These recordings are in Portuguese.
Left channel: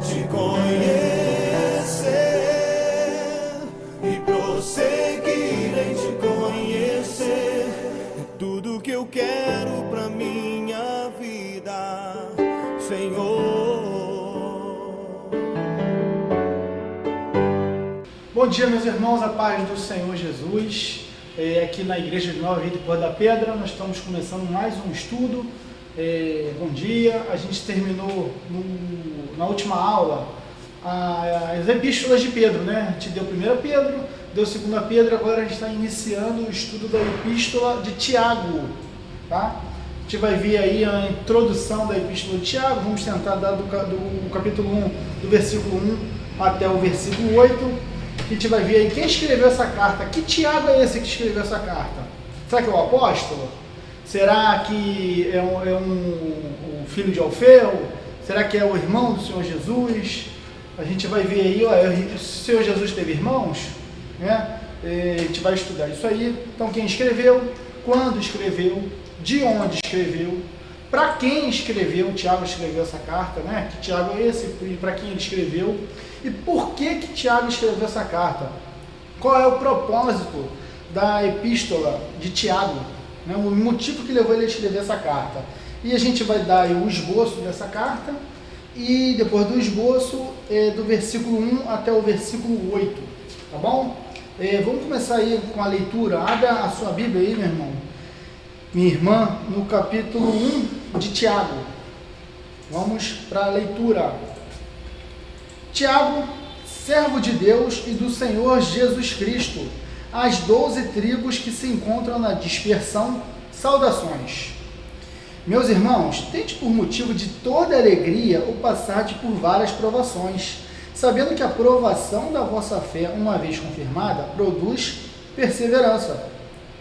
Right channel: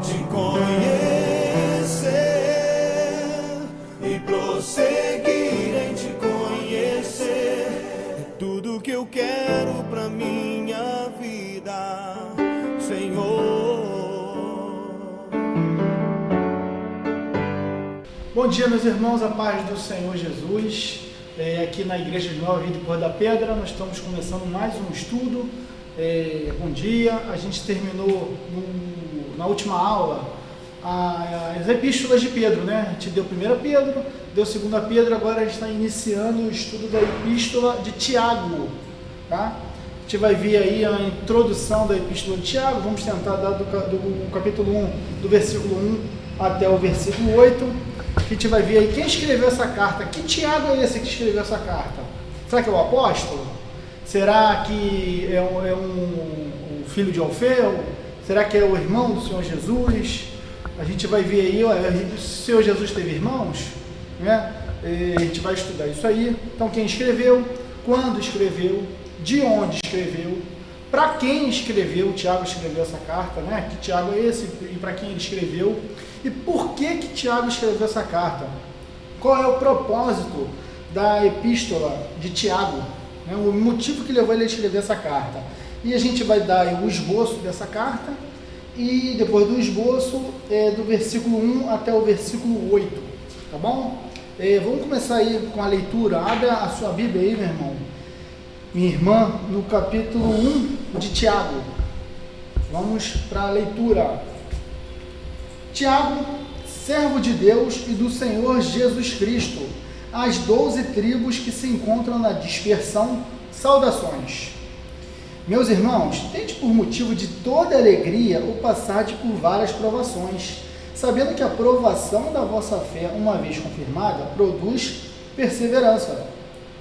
te conhecer e prosseguir em te conhecer. É tudo que eu quero pra minha vida, Senhor. Bom dia, meus irmãos, a paz do Senhor Jesus. Aqui na Igreja de Nova Vida de Cor da Pedra, nós estamos começando mais um estudo. Bom dia, a gente terminou na última aula as epístolas de Pedro, né? A gente deu 1 Pedro, deu 2 Pedro, agora a gente está iniciando o estudo da epístola de Tiago, tá? A gente vai ver aí a introdução da epístola de Tiago, vamos tentar dar do capítulo 1, do versículo 1 até o versículo 8. A gente vai ver aí quem escreveu essa carta. Que Tiago é esse que escreveu essa carta? Será que é o apóstolo? Será que é um filho de Alfeu? Será que é o irmão do Senhor Jesus? A gente vai ver aí, o Senhor Jesus teve irmãos, né? A gente vai estudar isso aí. Então, quem escreveu, quando escreveu, de onde escreveu, para quem escreveu, Tiago escreveu essa carta, né? Que Tiago é esse e para quem ele escreveu, e por que Tiago escreveu essa carta? Qual é o propósito da epístola de Tiago, né? O motivo que levou ele a escrever essa carta. E a gente vai dar aí o esboço dessa carta, e depois do esboço, do versículo 1 até o versículo 8, tá bom? Vamos começar aí com a leitura. Abra a sua Bíblia aí, meu irmão, minha irmã, no capítulo 1 de Tiago. Vamos para a leitura. Tiago, servo de Deus e do Senhor Jesus Cristo, às 12 tribos que se encontram na dispersão, saudações. Meus irmãos, tende por motivo de toda alegria o passar por várias provações, sabendo que a provação da vossa fé, uma vez confirmada, produz perseverança.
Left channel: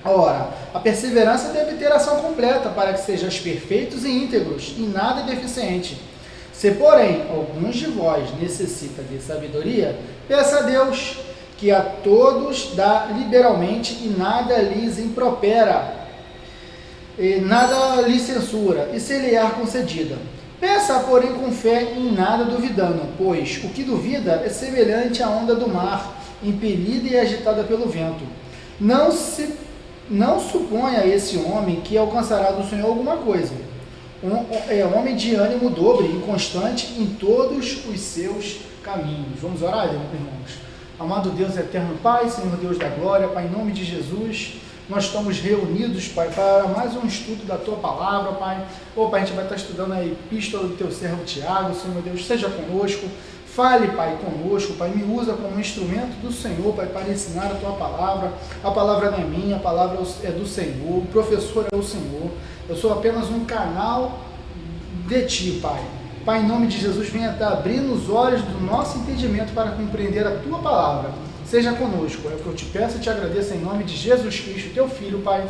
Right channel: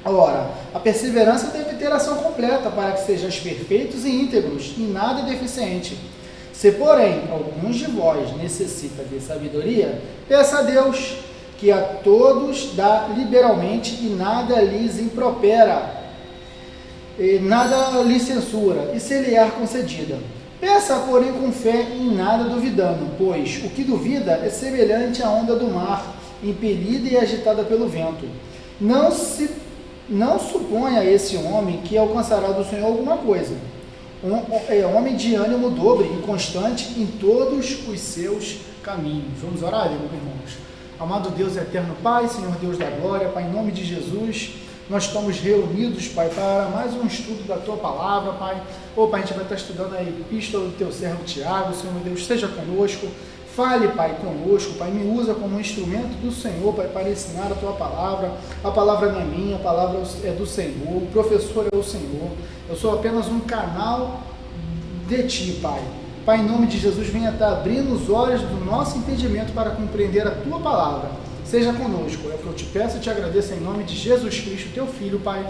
Ora, a perseverança deve ter ação completa, para que sejais perfeitos e íntegros, e nada deficiente. Se, porém, alguns de vós necessita de sabedoria, peça a Deus, que a todos dá liberalmente e nada lhes impropera, e nada lhe censura, e se lhe é concedida. Peça, porém, com fé, em nada duvidando, pois o que duvida é semelhante à onda do mar, impelida e agitada pelo vento. Não suponha esse homem que alcançará do Senhor alguma coisa. Homem de ânimo dobre, inconstante em todos os seus caminhos. Vamos orar, irmãos? Amado Deus eterno Pai, Senhor Deus da glória, Pai, em nome de Jesus, nós estamos reunidos, Pai, para mais um estudo da Tua palavra, Pai. Pai, a gente vai estar estudando a epístola do Teu servo Tiago. Senhor Deus, esteja conosco. Fale, Pai, conosco, Pai, me usa como instrumento do Senhor, Pai, para ensinar a Tua palavra. A palavra não é minha, a palavra é do Senhor, o professor é o Senhor. Eu sou apenas um canal de Ti, Pai. Pai, em nome de Jesus, venha estar abrindo os olhos do nosso entendimento para compreender a Tua palavra. Seja conosco, é o que eu te peço e te agradeço em nome de Jesus Cristo, Teu Filho, Pai.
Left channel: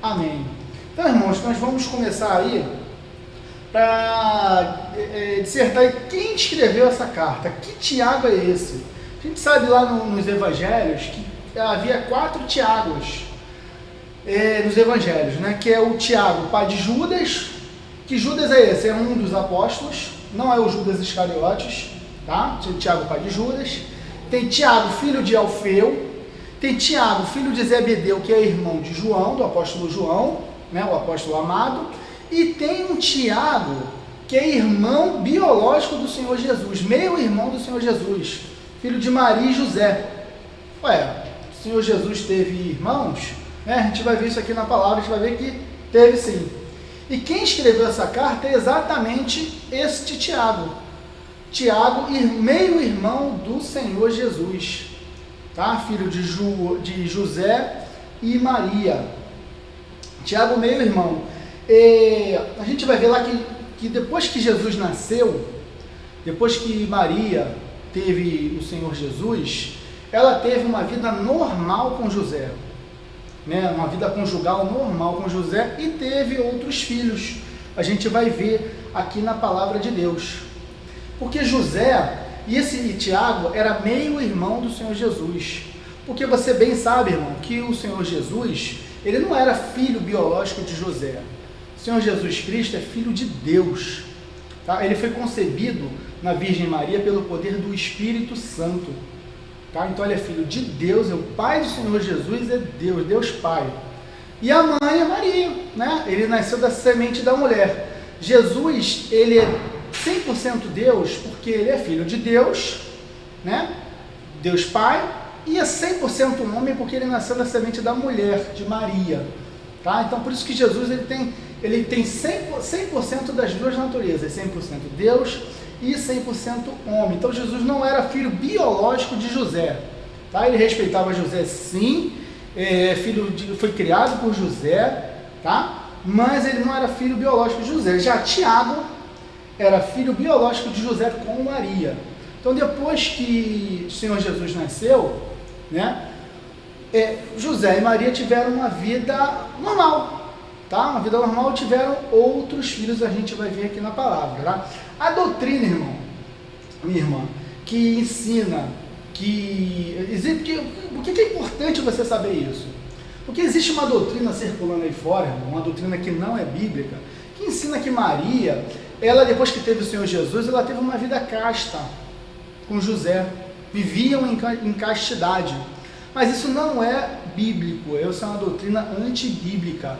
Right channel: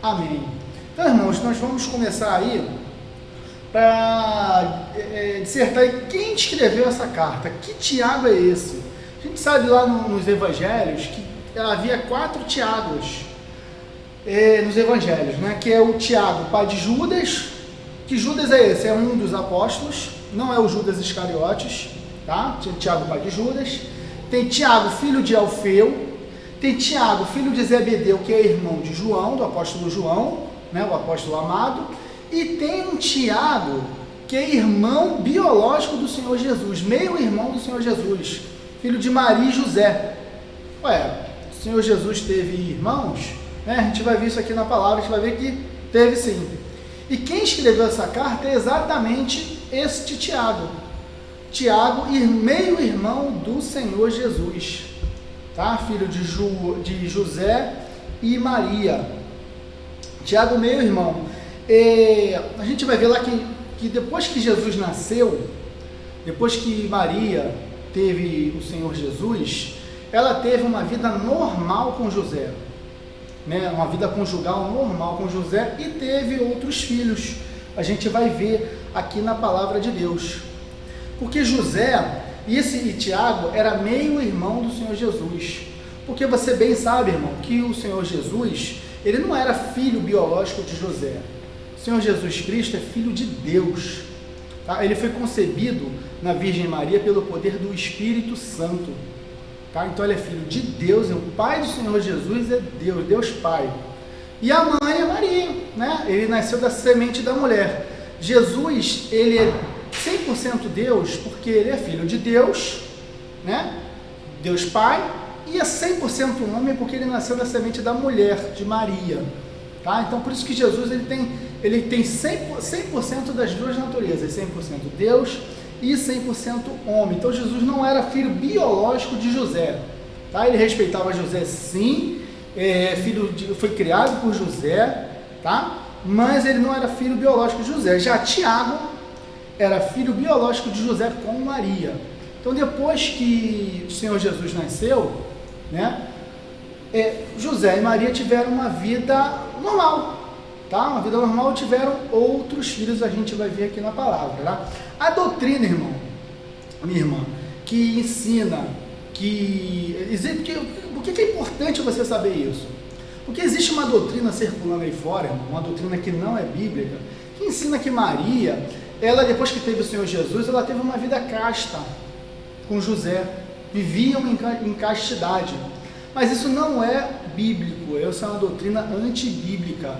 Amém. Então, irmãos, nós vamos começar aí para dissertar quem escreveu essa carta. Que Tiago é esse? A gente sabe lá nos evangelhos que havia 4 Tiagos nos evangelhos, né? Que é o Tiago, pai de Judas. Que Judas é esse? É um dos apóstolos, não é o Judas Iscariotes, tá? Tiago, pai de Judas. Tem Tiago, filho de Alfeu. Tem Tiago, filho de Zebedeu, que é irmão de João, do apóstolo João, né? O apóstolo amado. E tem um Tiago, que é irmão biológico do Senhor Jesus, meio-irmão do Senhor Jesus, filho de Maria e José. O Senhor Jesus teve irmãos? A gente vai ver isso aqui na palavra, a gente vai ver que teve sim. E quem escreveu essa carta é exatamente este Tiago. Tiago, meio-irmão do Senhor Jesus, tá? Filho de José e Maria. Tiago, meio-irmão. A gente vai ver lá que depois que Jesus nasceu, depois que Maria teve o Senhor Jesus, ela teve uma vida normal com José, né? Uma vida conjugal normal com José, e teve outros filhos. A gente vai ver aqui na palavra de Deus. Porque José e Tiago era meio-irmão do Senhor Jesus. Porque você bem sabe, irmão, que o Senhor Jesus, ele não era filho biológico de José. O Senhor Jesus Cristo é filho de Deus, tá? Ele foi concebido na Virgem Maria pelo poder do Espírito Santo. Tá? Então ele é filho de Deus, é o Pai do Senhor Jesus, é Deus, Deus Pai. E a mãe é Maria, né? Ele nasceu da semente da mulher. Jesus, ele é 100% Deus, porque ele é filho de Deus, né? Deus Pai, e é 100% homem, porque ele nasceu da semente da mulher, de Maria. Tá? Então por isso que Jesus ele tem 100% das duas naturezas, 100% Deus e 100% homem. Então Jesus não era filho biológico de José. Tá? Ele respeitava José, sim, foi criado por José, tá? Mas ele não era filho biológico de José. Já Tiago era filho biológico de José com Maria. Então depois que o Senhor Jesus nasceu, né, José e Maria tiveram uma vida normal, tá? Uma vida normal, tiveram outros filhos, a gente vai ver aqui na palavra, tá? A doutrina, irmão, minha irmã, que ensina por que é importante você saber isso? Porque existe uma doutrina circulando aí fora, irmão, uma doutrina que não é bíblica, que ensina que Maria, ela depois que teve o Senhor Jesus, ela teve uma vida casta com José, viviam em castidade. Mas isso não é bíblico, isso é uma doutrina antibíblica.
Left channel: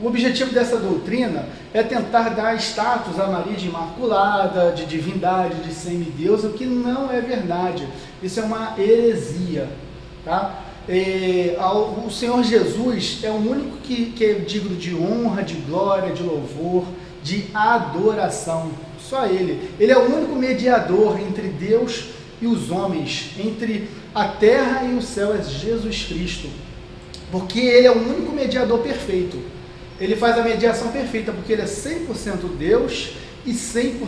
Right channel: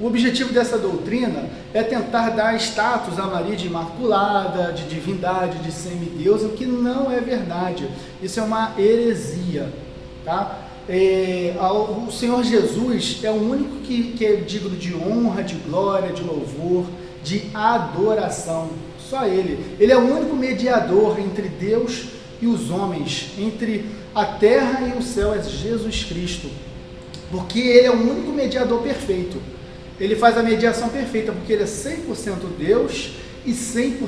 O objetivo dessa doutrina é tentar dar status a Maria de imaculada, de divindade, de semideusa, o que não é verdade. Isso é uma heresia, tá? O Senhor Jesus é o único que é digno de honra, de glória, de louvor, de adoração. Só Ele. Ele é o único mediador entre Deus e os homens, entre a terra e o céu, é Jesus Cristo. Porque Ele é o único mediador perfeito. Ele faz a mediação perfeita, porque Ele é 100% Deus e 100%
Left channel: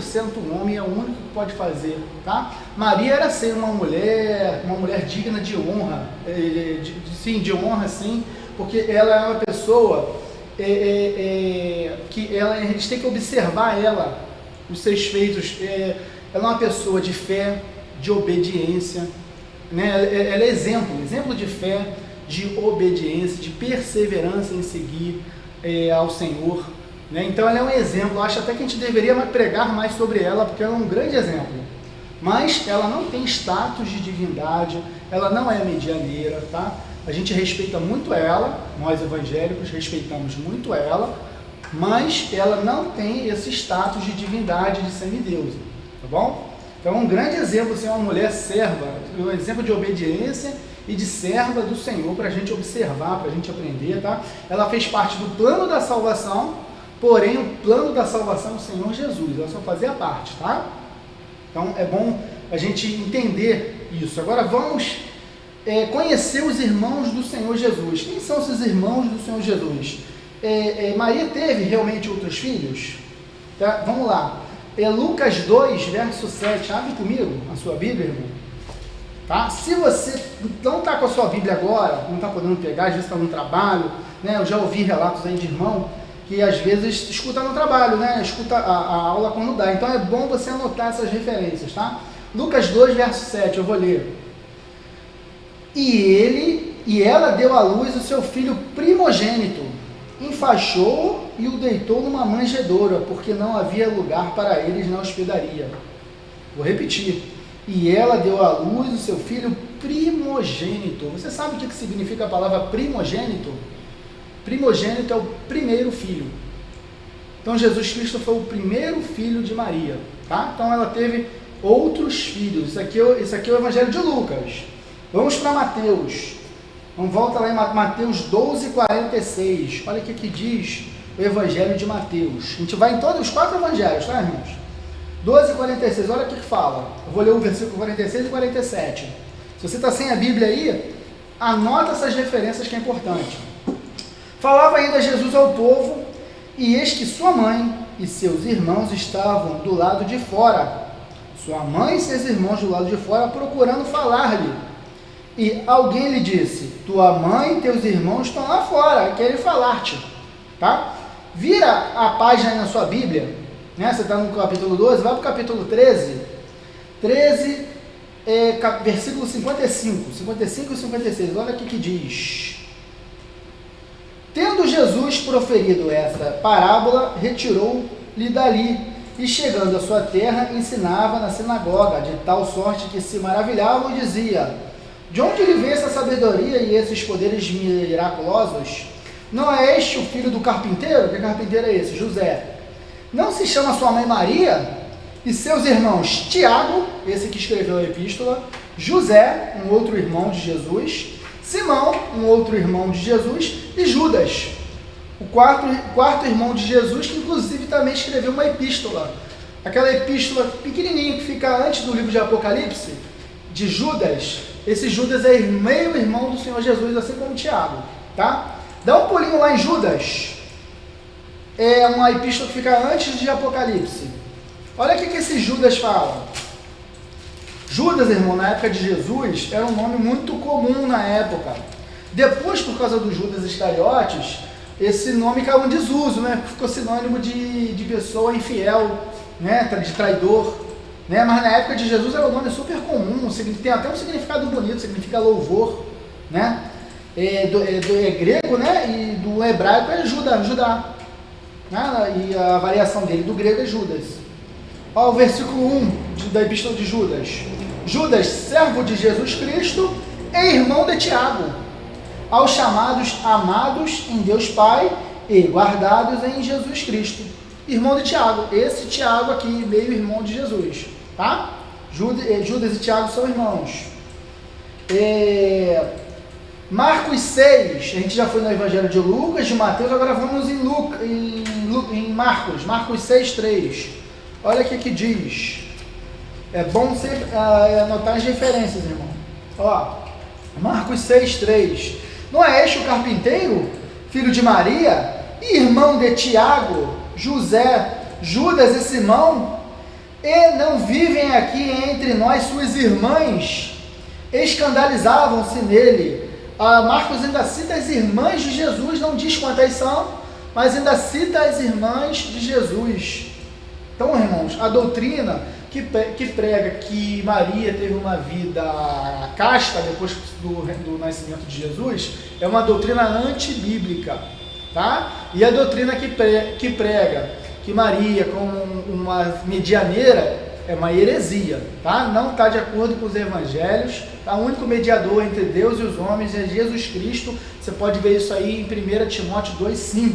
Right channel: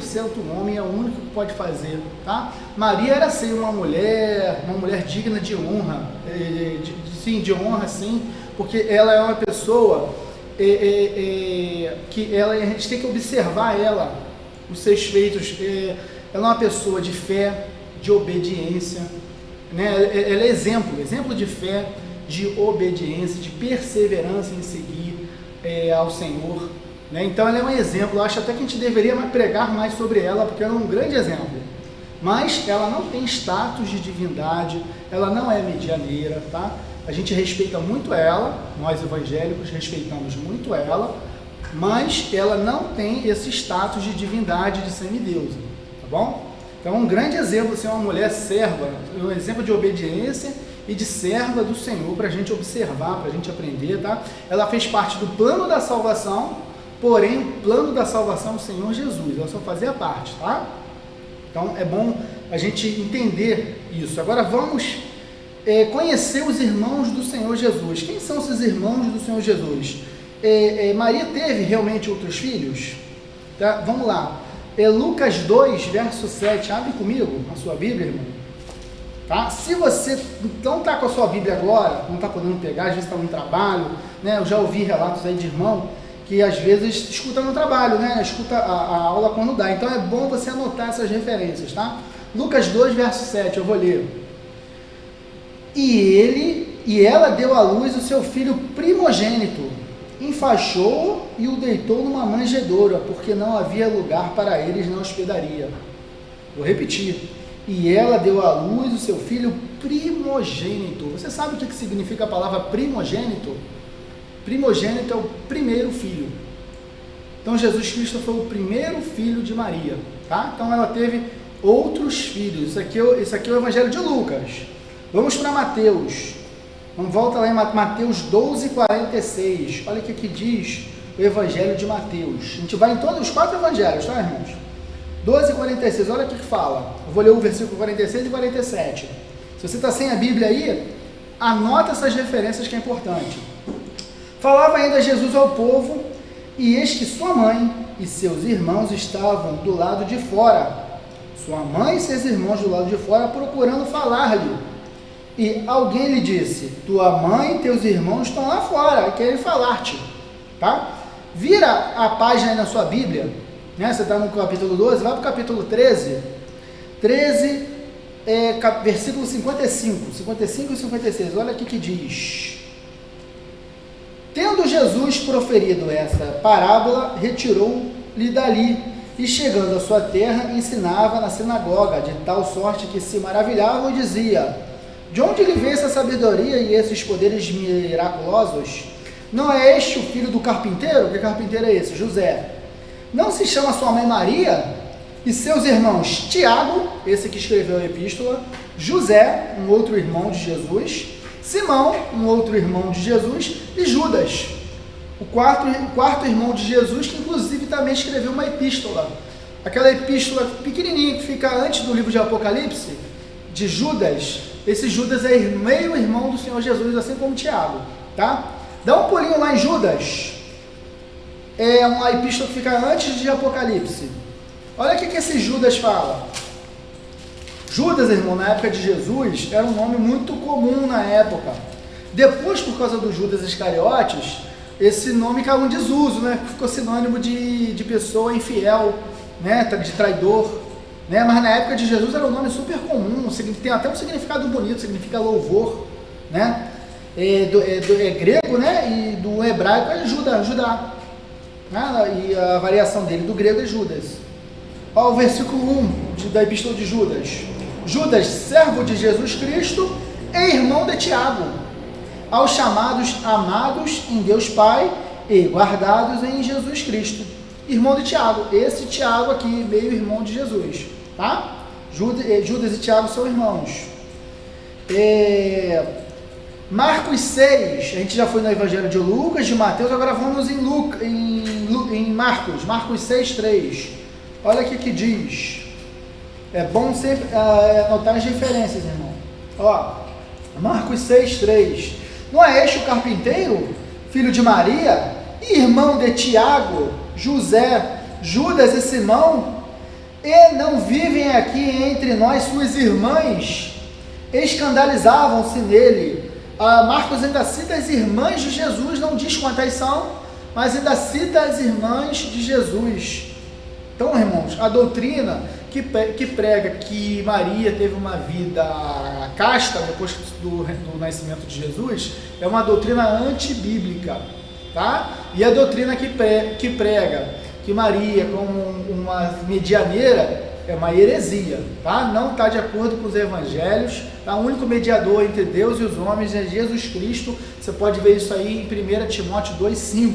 homem, é o único que pode fazer, tá? Maria era ser uma mulher digna de honra, de honra sim, porque ela é uma pessoa que a gente tem que observar ela, os seus feitos. Ela é uma pessoa de fé, de obediência, né? Ela é exemplo de fé, de obediência, de perseverança em seguir ao Senhor, né? Então ela é um exemplo. Eu acho até que a gente deveria pregar mais sobre ela, porque ela é um grande exemplo. Mas ela não tem status de divindade, ela não é medianeira, tá? A gente respeita muito ela, nós evangélicos respeitamos muito ela, mas ela não tem esse status de divindade, de semideusa, tá bom? Então é um grande exemplo ser uma mulher serva, um exemplo de obediência e de serva do Senhor, para a gente observar, para a gente aprender, tá? Ela fez parte do plano da salvação, porém o plano da salvação é o Senhor Jesus, ela só fazia parte, tá? Então é bom a gente entender isso. Agora vamos conhecer os irmãos do Senhor Jesus. Quem são esses irmãos do Senhor Jesus? Maria teve realmente outros filhos? Tá? Vamos lá. Lucas 2, verso 7. Abre comigo a sua Bíblia, irmão. Tá? Se você não está com a sua Bíblia agora, não está podendo pegar, às vezes está no trabalho, né? Eu já ouvi relatos aí de irmão que às vezes escuta no trabalho, né? Escuta a aula quando dá. Então é bom você anotar essas referências, tá? Lucas 2, verso 7, eu vou ler. E ela deu à luz o seu filho primogênito, enfaixou-o e o deitou numa manjedoura, porque não havia lugar para eles na hospedaria. Vou repetir. E ela deu à luz o seu filho primogênito. Você sabe o que significa a palavra primogênito? Primogênito é o primeiro filho. Então Jesus Cristo foi o primeiro filho de Maria, tá? Então ela teve outros filhos. Isso aqui é o Evangelho de Lucas. Vamos para Mateus. Vamos volta lá em Mateus 12, 46. Olha o que diz o Evangelho de Mateus. A gente vai em todos os 4 evangelhos, tá, irmãos? 12, 46. Olha o que fala. Eu vou ler o versículo 46 e 47. Se você está sem a Bíblia aí, anota essas referências que é importante. Falava ainda Jesus ao povo, e eis que sua mãe e seus irmãos estavam do lado de fora. Sua mãe e seus irmãos do lado de fora procurando falar-lhe. E alguém lhe disse: tua mãe e teus irmãos estão lá fora, querem falar-te. Tá? Vira a página aí na sua Bíblia, né? Você está no capítulo 12, vai para o capítulo 13. 13, versículo 55 e 56. Olha o que diz. Tendo Jesus proferido essa parábola, retirou-lhe dali e chegando à sua terra, ensinava na sinagoga, de tal sorte que se maravilhavam e dizia: de onde ele vê essa sabedoria e esses poderes miraculosos? Não é este o filho do carpinteiro? Que carpinteiro é esse? José. Não se chama sua mãe Maria? E seus irmãos Tiago, esse que escreveu a epístola, José, um outro irmão de Jesus, Simão, um outro irmão de Jesus, e Judas, o quarto irmão de Jesus, que inclusive também escreveu uma epístola. Aquela epístola pequenininha que fica antes do livro de Apocalipse, de Judas. Esse Judas é meio irmão do Senhor Jesus, assim como Tiago, tá? Dá um pulinho lá em Judas. É uma epístola que fica antes de Apocalipse. Olha o que esse Judas fala. Judas, irmão, na época de Jesus, era um nome muito comum na época. Depois, por causa do Judas Iscariotes, esse nome caiu em desuso, né? Ficou sinônimo de pessoa infiel, né? De traidor, né? Mas na época de Jesus era um nome super comum, tem até um significado bonito, significa louvor, né? É grego, né? E do hebraico é Judá, né? E a variação dele do grego é Judas. Olha o versículo 1 da epístola de Judas. Judas, servo de Jesus Cristo e irmão de Tiago, aos chamados amados em Deus Pai e guardados em Jesus Cristo. Irmão de Tiago, esse Tiago aqui, meio irmão de Jesus, tá? Judas e Tiago são irmãos. Marcos 6, a gente já foi no Evangelho de Lucas, de Mateus, agora vamos em Marcos 6, 3. Olha o que diz. É bom sempre anotar as referências, irmão. Ó, Marcos 6, 3. Não é este o carpinteiro, filho de Maria, e irmão de Tiago, José, Judas e Simão? E não vivem aqui entre nós suas irmãs? Escandalizavam-se nele. Marcos ainda cita as irmãs de Jesus, não diz quantas são, mas ainda cita as irmãs de Jesus. Então, irmãos, a doutrina que prega que Maria teve uma vida casta depois do nascimento de Jesus é uma doutrina antibíblica, tá? E a doutrina que prega que Maria como uma medianeira é uma heresia, tá? Não está de acordo com os evangelhos, tá? O único mediador entre Deus e os homens é Jesus Cristo. Você pode ver isso aí em 1 Timóteo 2,5,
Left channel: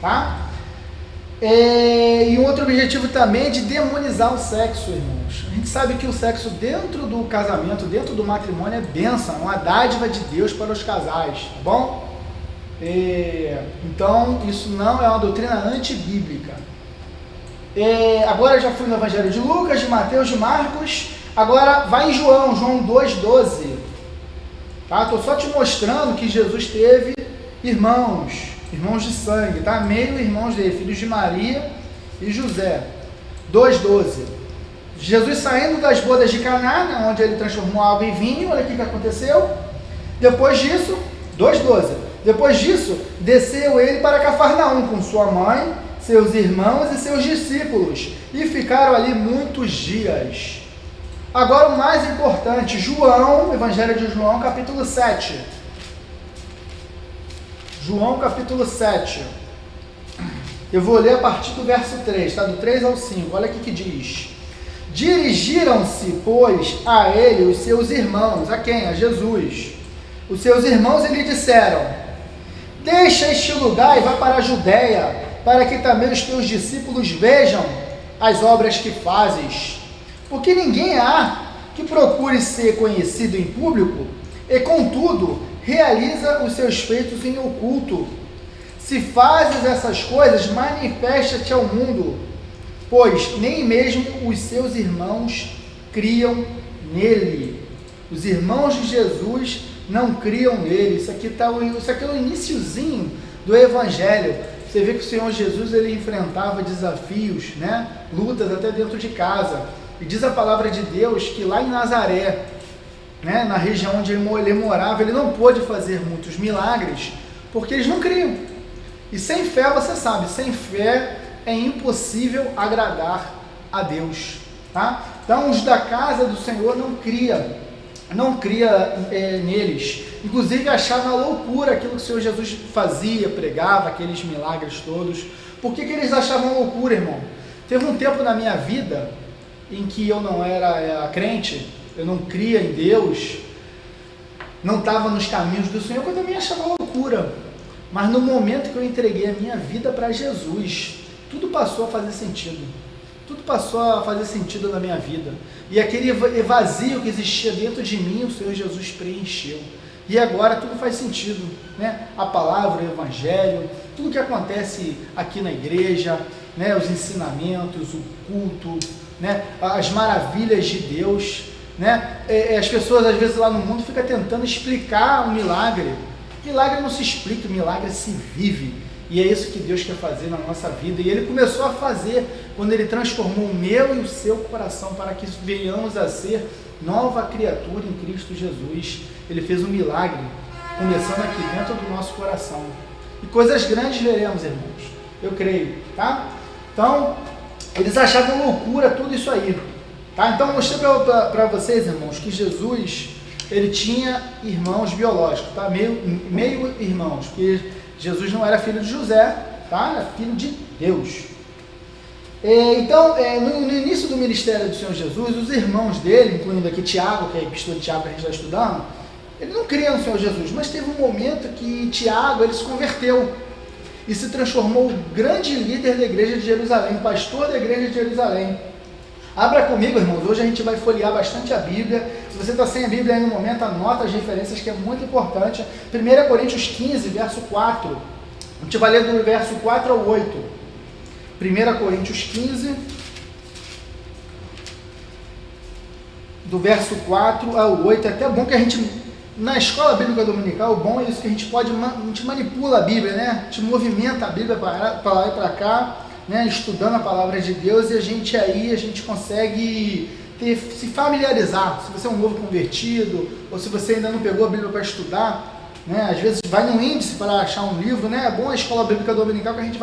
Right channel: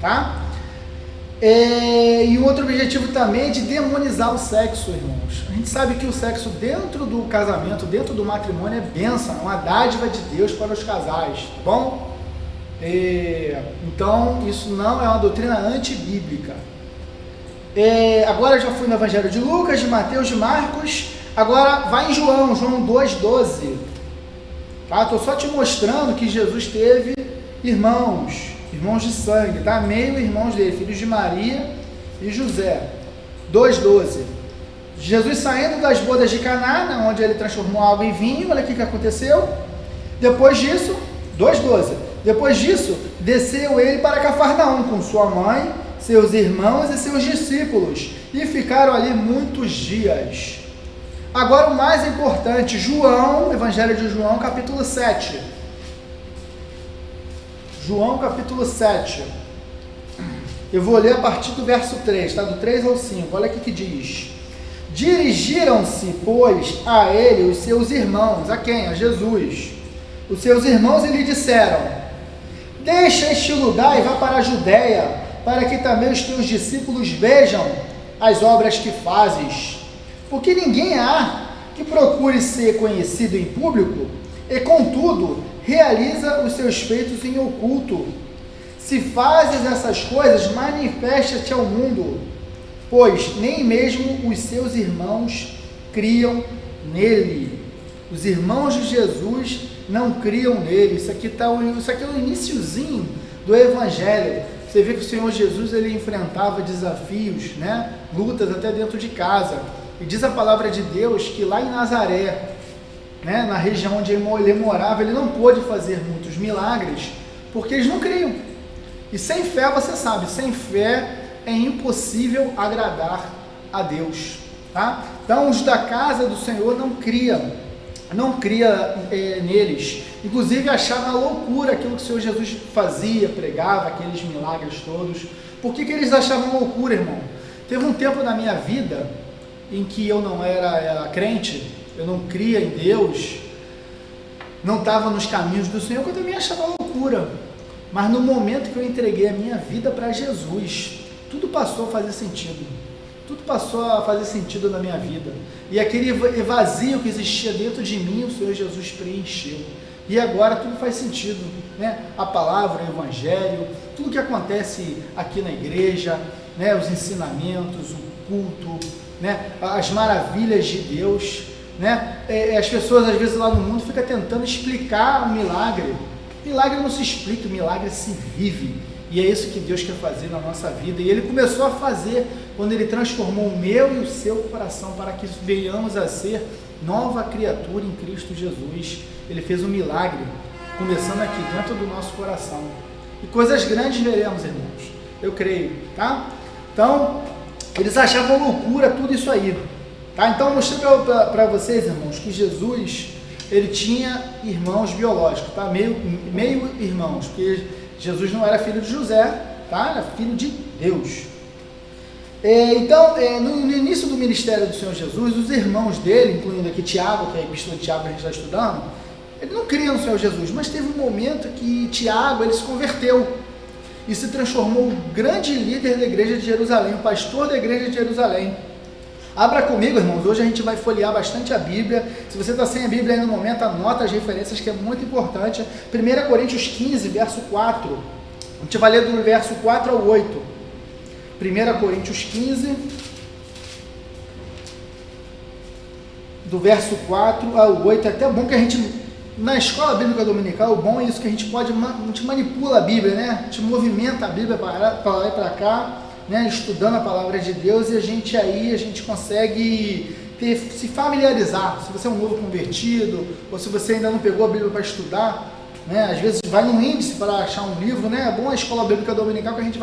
tá? E um outro objetivo também é de demonizar o sexo, irmãos. A gente sabe que o sexo dentro do casamento, dentro do matrimônio, é bênção, é uma dádiva de Deus para os casais, tá bom? Então, isso não é uma doutrina antibíblica. Agora eu já fui no Evangelho de Lucas, de Mateus, de Marcos. Agora vai em João 2,12. Tá? Estou só te mostrando que Jesus teve irmãos de sangue, tá? Meio irmãos dele, filhos de Maria e José. 2,12. Jesus saindo das bodas de Caná, né, onde ele transformou água em vinho. Olha o que aconteceu. Depois disso, 2,12. Depois disso, desceu ele para Cafarnaum com sua mãe, seus irmãos e seus discípulos, e ficaram ali muitos dias. Agora o mais importante, João, Evangelho de João, capítulo 7. João capítulo 7, eu vou ler a partir do verso 3, tá? Do 3 ao 5, olha aqui que diz: dirigiram-se, pois, a ele os seus irmãos, a quem? A Jesus, os seus irmãos, e lhe disseram: deixa este lugar e vá para a Judéia, para que também os teus discípulos vejam as obras que fazes, porque ninguém há que procure ser conhecido em público, e contudo realiza os seus feitos em oculto. Se fazes essas coisas, manifesta-te ao mundo, pois nem mesmo os seus irmãos criam nele. Os irmãos de Jesus não criam nele. Isso aqui é o iniciozinho do Evangelho. Você vê que o Senhor Jesus ele enfrentava desafios, né? Lutas até dentro de casa. E diz a palavra de Deus que lá em Nazaré, né, na região onde ele morava, ele não pôde fazer muitos milagres, porque eles não criam. E sem fé, você sabe, sem fé é impossível agradar a Deus, tá? Então, os da casa do Senhor não cria neles. Inclusive, achavam uma loucura aquilo que o Senhor Jesus fazia, pregava, aqueles milagres todos. Por que eles achavam loucura, irmão? Teve um tempo na minha vida em que eu não era crente, eu não cria em Deus, não estava nos caminhos do Senhor, que eu também achava loucura. Mas no momento que eu entreguei a minha vida para Jesus, tudo passou a fazer sentido. Tudo passou a fazer sentido na minha vida. E aquele vazio que existia dentro de mim, o Senhor Jesus preencheu. E agora tudo faz sentido, né? A palavra, o evangelho, tudo que acontece aqui na igreja, né? Os ensinamentos, o culto, né? As maravilhas de Deus, né? As pessoas às vezes lá no mundo ficam tentando explicar o milagre. Milagre não se explica, milagre se vive. E é isso que Deus quer fazer na nossa vida. E Ele começou a fazer quando Ele transformou o meu e o seu coração para que venhamos a ser nova criatura em Cristo Jesus. Ele fez um milagre, começando aqui dentro do nosso coração. E coisas grandes veremos, irmãos. Eu creio, tá? Então, eles achavam loucura tudo isso aí. Tá? Então, eu mostrei para vocês, irmãos, que Jesus, ele tinha irmãos biológicos, tá? Meio irmãos, porque Jesus não era filho de José, tá? Era filho de Deus. Então, no início do ministério do Senhor Jesus, os irmãos dele, incluindo aqui Tiago, que é a epístola de Tiago que a gente está estudando, ele não cria no Senhor Jesus, mas teve um momento que Tiago ele se converteu e se transformou um grande líder da igreja de Jerusalém, um pastor da igreja de Jerusalém. Abra comigo, irmãos, hoje a gente vai folhear bastante a Bíblia. Se você está sem a Bíblia aí no momento, anota as referências que é muito importante. 1 Coríntios 15, verso 4. A gente vai ler do verso 4 ao 8. 1 Coríntios 15, do verso 4 ao 8. É até bom que a gente, na escola bíblica dominical, o bom é isso que a gente manipula a Bíblia, né? A gente movimenta a Bíblia para lá e para cá, né? Estudando a palavra de Deus, e a gente consegue se familiarizar. Se você é um novo convertido, ou se você ainda não pegou a Bíblia para estudar, né? Às vezes vai no índice para achar um livro, né? É bom a escola bíblica dominical que a gente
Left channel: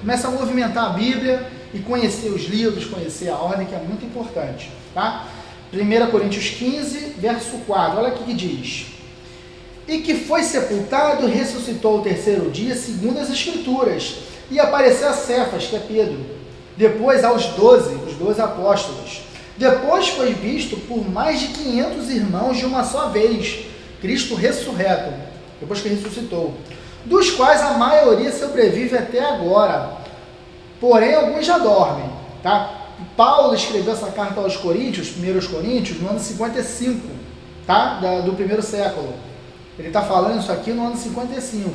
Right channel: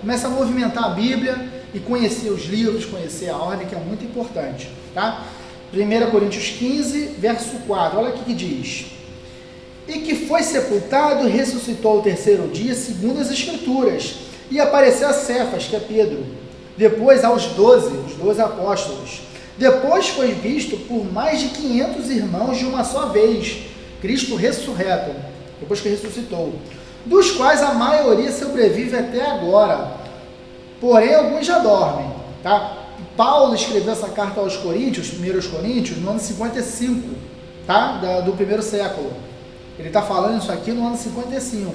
começa a movimentar a Bíblia e conhecer os livros, conhecer a ordem, que é muito importante, tá? 1 Coríntios 15, verso 4, olha aqui que diz: e que foi sepultado e ressuscitou ao terceiro dia, segundo as Escrituras, e apareceu a Cefas, que é Pedro, depois aos 12, os 12 apóstolos. Depois foi visto por mais de 500 irmãos de uma só vez, Cristo ressurreto, depois que ressuscitou, dos quais a maioria sobrevive até agora, porém alguns já dormem, tá? Paulo escreveu essa carta aos Coríntios, 1 Coríntios, no ano 55, tá? Do primeiro século. Ele está falando isso aqui no ano 55,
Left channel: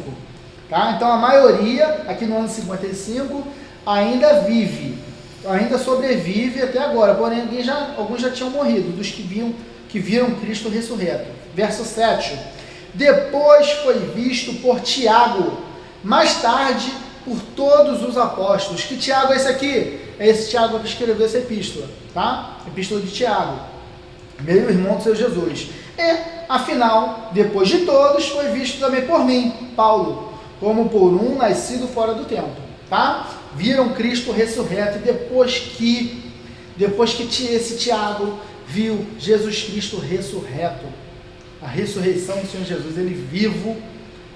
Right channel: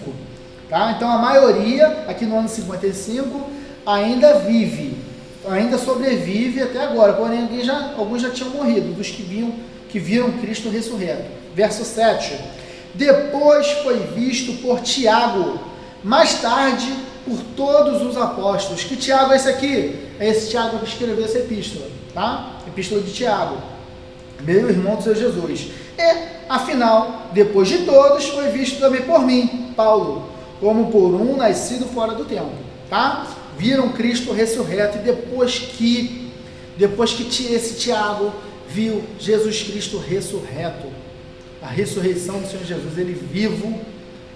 tá? Então a maioria aqui no ano 55 ainda vive, ainda sobrevive até agora, porém alguns já tinham morrido, dos que viram Cristo ressurreto. Verso 7, depois foi visto por Tiago, mais tarde por todos os apóstolos. Que Tiago é esse aqui? É esse Tiago que escreveu essa epístola, tá? Epístola de Tiago, meio irmão do Senhor Jesus. Afinal, depois de todos, foi visto também por mim, Paulo, como por um nascido fora do tempo, tá? Viram Cristo ressurreto, e depois que esse Tiago viu Jesus Cristo ressurreto, a ressurreição do Senhor Jesus, ele vivo,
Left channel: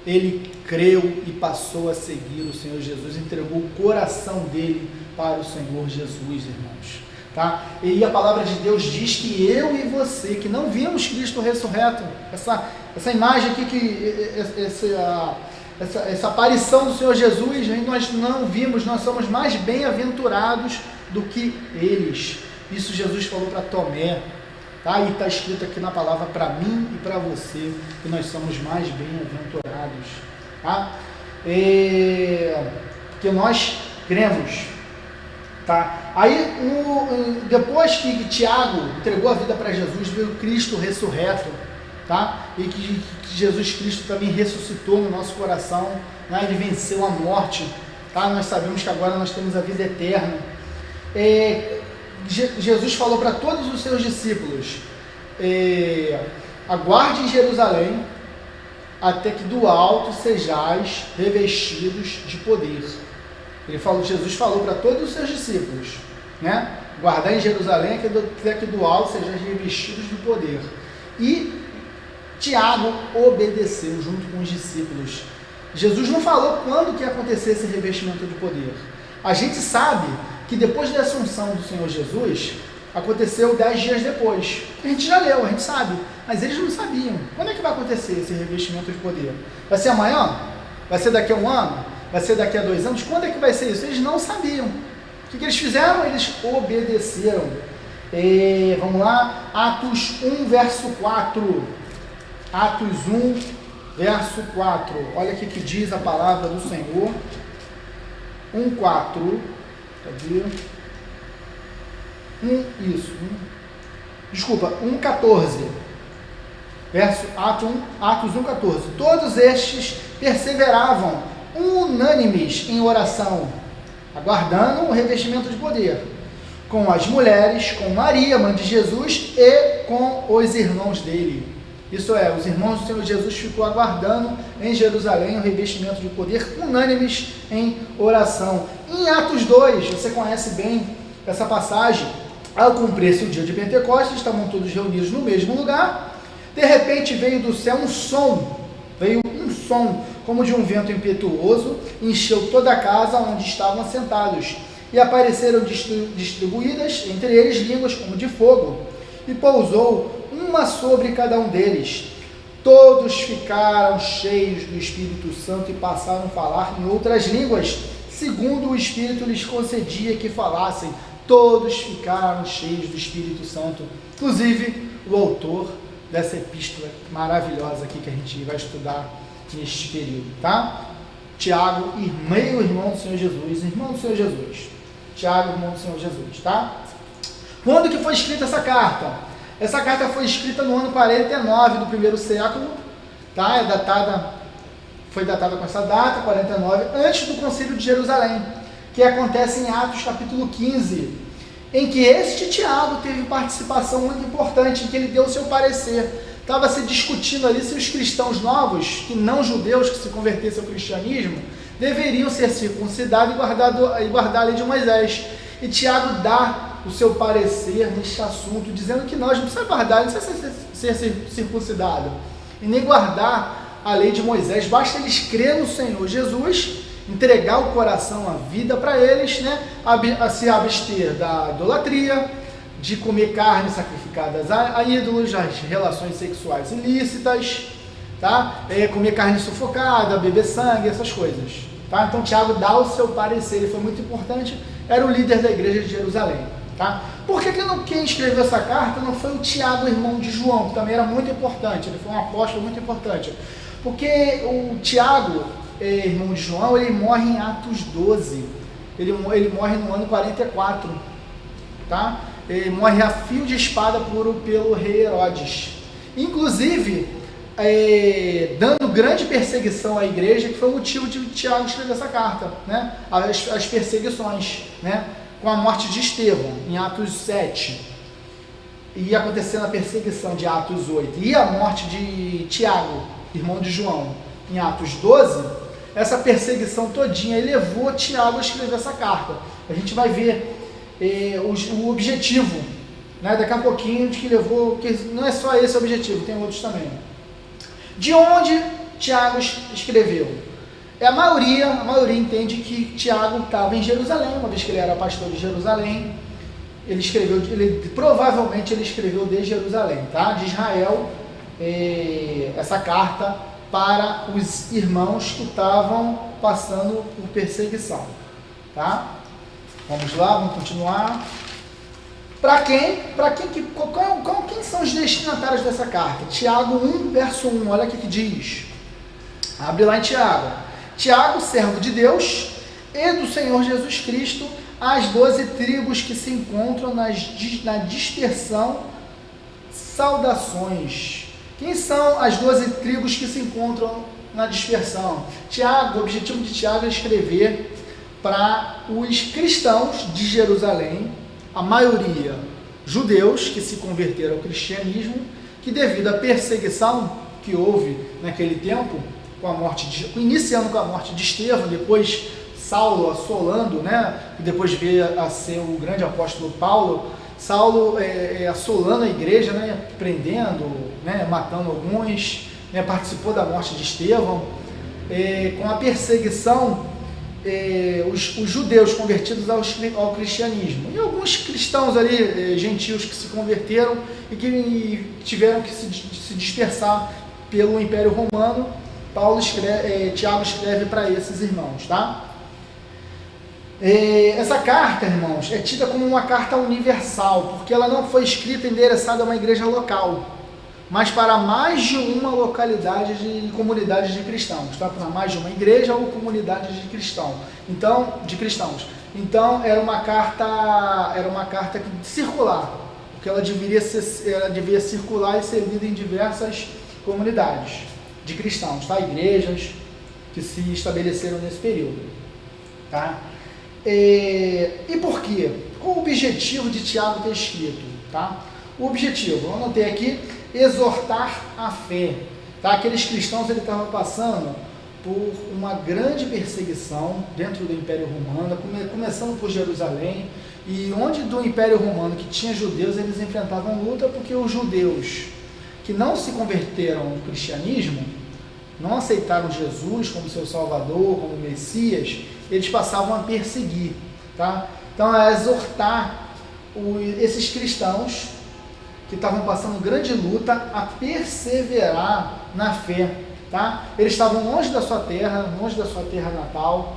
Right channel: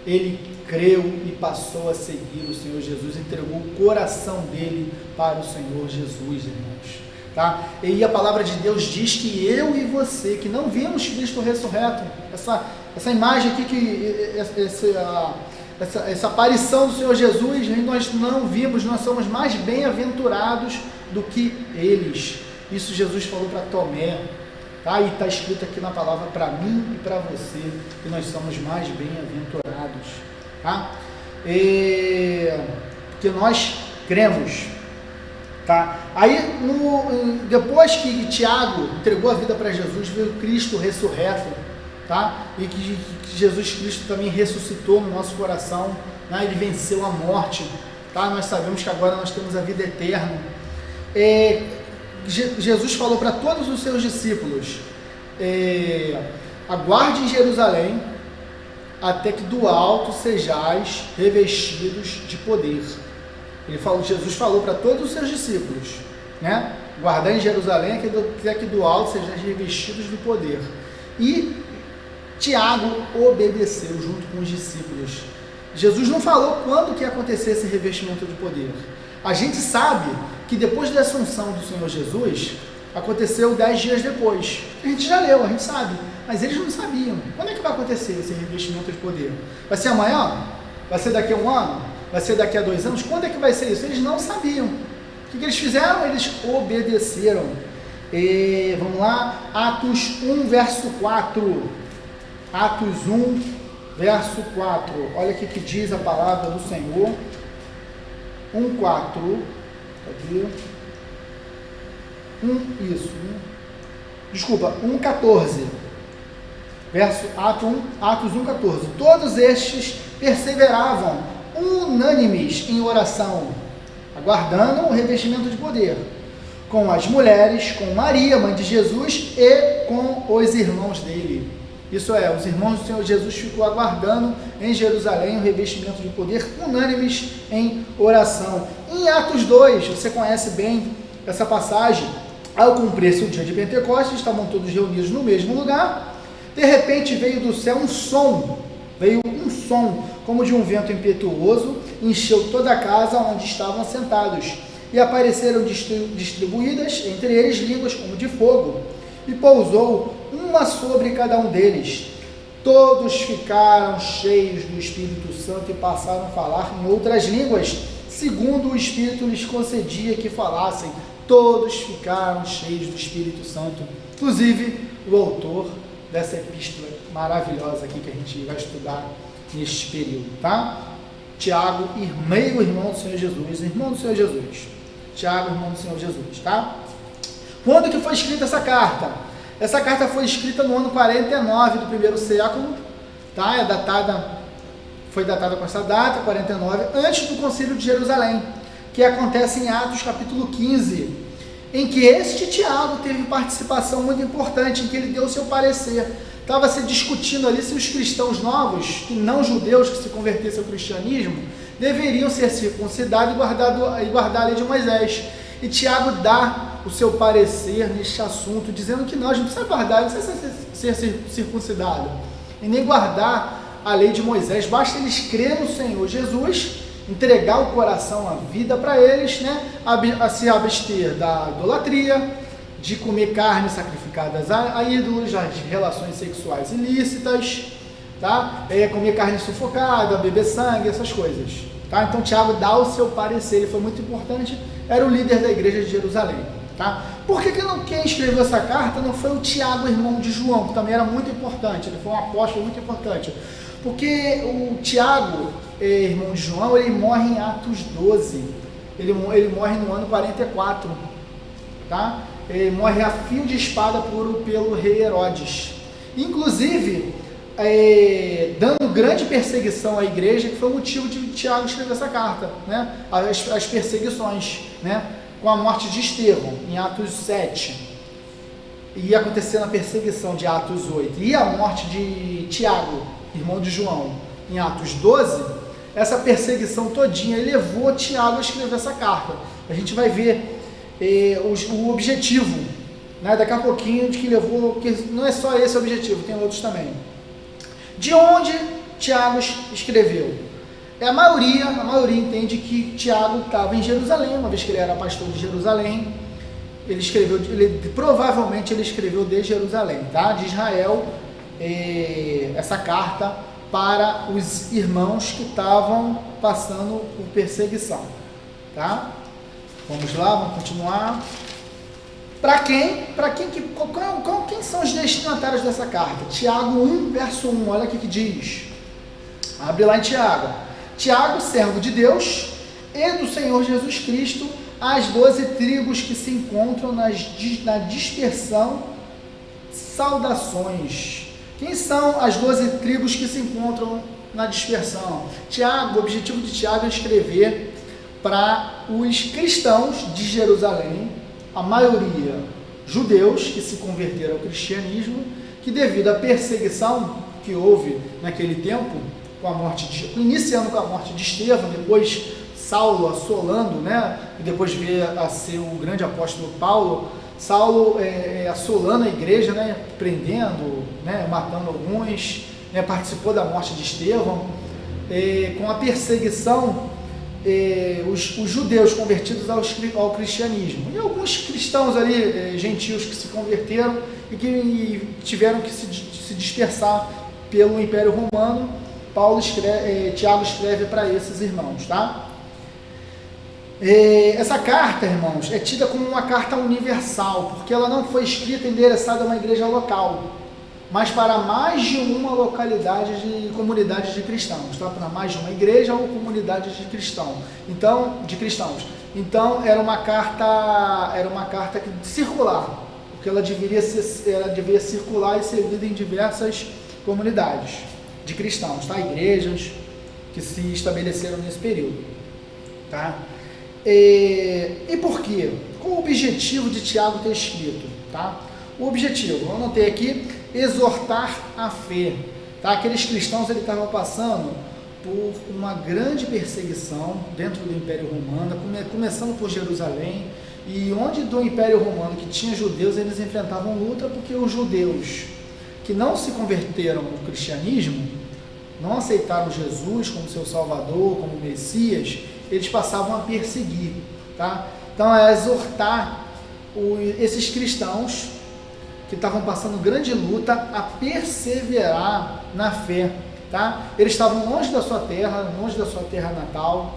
ele creu e passou a seguir o Senhor Jesus, entregou o coração dele para o Senhor Jesus, irmãos, tá? E a palavra de Deus diz que eu e você, que não vimos Cristo ressurreto, essa imagem aqui, essa aparição do Senhor Jesus, nós não vimos, nós somos mais bem-aventurados do que eles. Isso Jesus falou para Tomé, tá? E está escrito aqui na palavra para mim e para você, que nós somos mais bem-aventurados, tá? Porque nós cremos, tá? Aí, depois que Tiago entregou a vida para Jesus, viu Cristo ressurreto, tá? E que Jesus Cristo também ressuscitou no nosso coração, né? Ele venceu a morte, tá? Nós sabemos que agora nós temos a vida eterna. Jesus falou para todos os seus discípulos: aguarde em Jerusalém até que do alto sejais revestidos de poder. Jesus falou para todos os seus discípulos, né? Guardar em Jerusalém até que do alto sejais revestidos de poder. E Tiago obedeceu junto com os discípulos. Jesus não falou quando que ia acontecer esse revestimento de poder. A gente sabe que depois da assunção do Senhor Jesus, aconteceu 10 dias depois. A gente já leu, a gente sabe, mas eles não sabiam. Quando é que vai acontecer esse revestimento de poder? Vai ser amanhã? Vai ser daqui a um ano? Vai ser daqui a 2 anos? Quando é que vai ser isso? Eles não sabiam. O que eles fizeram? Eles obedeceram. Vamos lá, Atos 1, verso 4. Atos 1, verso 4. Olha o que diz a palavra do Senhor. 1, 4. Cadê? 1,14. Atos 1,14. Todos estes perseveravam unânimes em oração, aguardando o revestimento de poder, com as mulheres, com Maria, mãe de Jesus, e com os irmãos dele. Isso é, os irmãos do Senhor Jesus ficou aguardando em Jerusalém o revestimento de poder, unânimes em oração. Em Atos 2, você conhece bem essa passagem. Ao cumprir-se o dia de Pentecostes, estavam todos reunidos no mesmo lugar. De repente veio do céu um som, como de um vento impetuoso, encheu toda a casa onde estavam sentados, e apareceram distribuídas entre eles línguas como de fogo, e pousou uma sobre cada um deles. Todos ficaram cheios do Espírito Santo e passaram a falar em outras línguas, segundo o Espírito lhes concedia que falassem. Todos ficaram cheios do Espírito Santo, inclusive o autor dessa epístola maravilhosa aqui que a gente vai estudar neste período, tá? Tiago, irmão do Senhor Jesus, irmão do Senhor Jesus. Tiago, irmão do Senhor Jesus, tá? Quando que foi escrita essa carta? Essa carta foi escrita no ano 49 do primeiro século, tá? Foi datada com essa data, 49, antes do Concílio de Jerusalém, que acontece em Atos capítulo 15, em que este Tiago teve participação muito importante, em que ele deu o seu parecer. Estava se discutindo ali se os cristãos novos, e não judeus que se convertessem ao cristianismo, deveriam ser circuncidados e guardar a lei de Moisés. E Tiago dá o seu parecer neste assunto, dizendo que nós não precisamos guardar, não precisa ser circuncidado, e nem guardar a lei de Moisés, basta eles crerem no Senhor Jesus, entregar o coração, a vida para eles, né? A se abster da idolatria, de comer carne sacrificadas a ídolos, as relações sexuais ilícitas, tá? Comer carne sufocada, beber sangue, essas coisas, tá? Então Tiago dá o seu parecer, ele foi muito importante, era o líder da igreja de Jerusalém, tá? Por que quem escreveu essa carta não foi o Tiago, irmão de João, que também era muito importante, ele foi um apóstolo muito importante, porque o Tiago, irmão de João, ele morre em Atos 12, ele morre no ano 44, tá? Ele morre a fio de espada pelo rei Herodes, inclusive dando grande perseguição à igreja, que foi o motivo de Tiago escrever essa carta, né? As perseguições, né? Com a morte de Estevão em Atos 7, e acontecendo a perseguição de Atos 8, e a morte de Tiago, irmão de João, em Atos 12, essa perseguição todinha levou Tiago a escrever essa carta. A gente vai ver o objetivo, né? Daqui a pouquinho, de que levou, que não é só esse o objetivo, tem outros também. De onde Tiago escreveu? A maioria entende que Tiago estava em Jerusalém, uma vez que ele era pastor de Jerusalém. Provavelmente ele escreveu de Jerusalém, tá? De Israel, essa carta para os irmãos que estavam passando por perseguição, tá? Vamos lá, vamos continuar. Quem são os destinatários dessa carta? Tiago 1, verso 1, olha o que diz. Abre lá em Tiago. Tiago, servo de Deus e do Senhor Jesus Cristo, as 12 tribos que se encontram na dispersão, saudações. Quem são as 12 tribos que se encontram na dispersão? Tiago, o objetivo de Tiago é escrever para os cristãos de Jerusalém, a maioria judeus que se converteram ao cristianismo, que devido à perseguição que houve naquele tempo, iniciando com a morte de Estevão, depois Saulo assolando, né? E depois veio a ser o grande apóstolo Paulo, Saulo assolando a igreja, né? Prendendo, né? Matando alguns, né? Participou da morte de Estevão. Com a perseguição os judeus convertidos ao cristianismo, e alguns cristãos ali, gentios, que se converteram e que tiveram que se dispersar pelo Império Romano. Tiago escreve para esses irmãos, tá? Essa carta, irmãos, é tida como uma carta universal, porque ela não foi escrita e endereçada a uma igreja local, mas para mais de uma localidade de comunidades de cristãos, tá? Para mais de uma igreja ou comunidade de cristãos. Então era uma carta circular, porque ela devia circular e ser lida em diversas comunidades de cristãos, tá? Igrejas que se estabeleceram nesse período, tá? E por quê? Qual o objetivo de Tiago ter escrito, tá? O objetivo, eu anotei aqui, exortar a fé, tá? Aqueles cristãos, ele estavam passando por uma grande perseguição dentro do Império Romano, começando por Jerusalém, e onde do Império Romano que tinha judeus, eles enfrentavam luta, porque os judeus que não se converteram ao cristianismo, não aceitaram Jesus como seu Salvador, como Messias, eles passavam a perseguir, tá? Então é exortar esses cristãos que estavam passando grande luta a perseverar na fé, tá? Eles estavam longe da sua terra natal,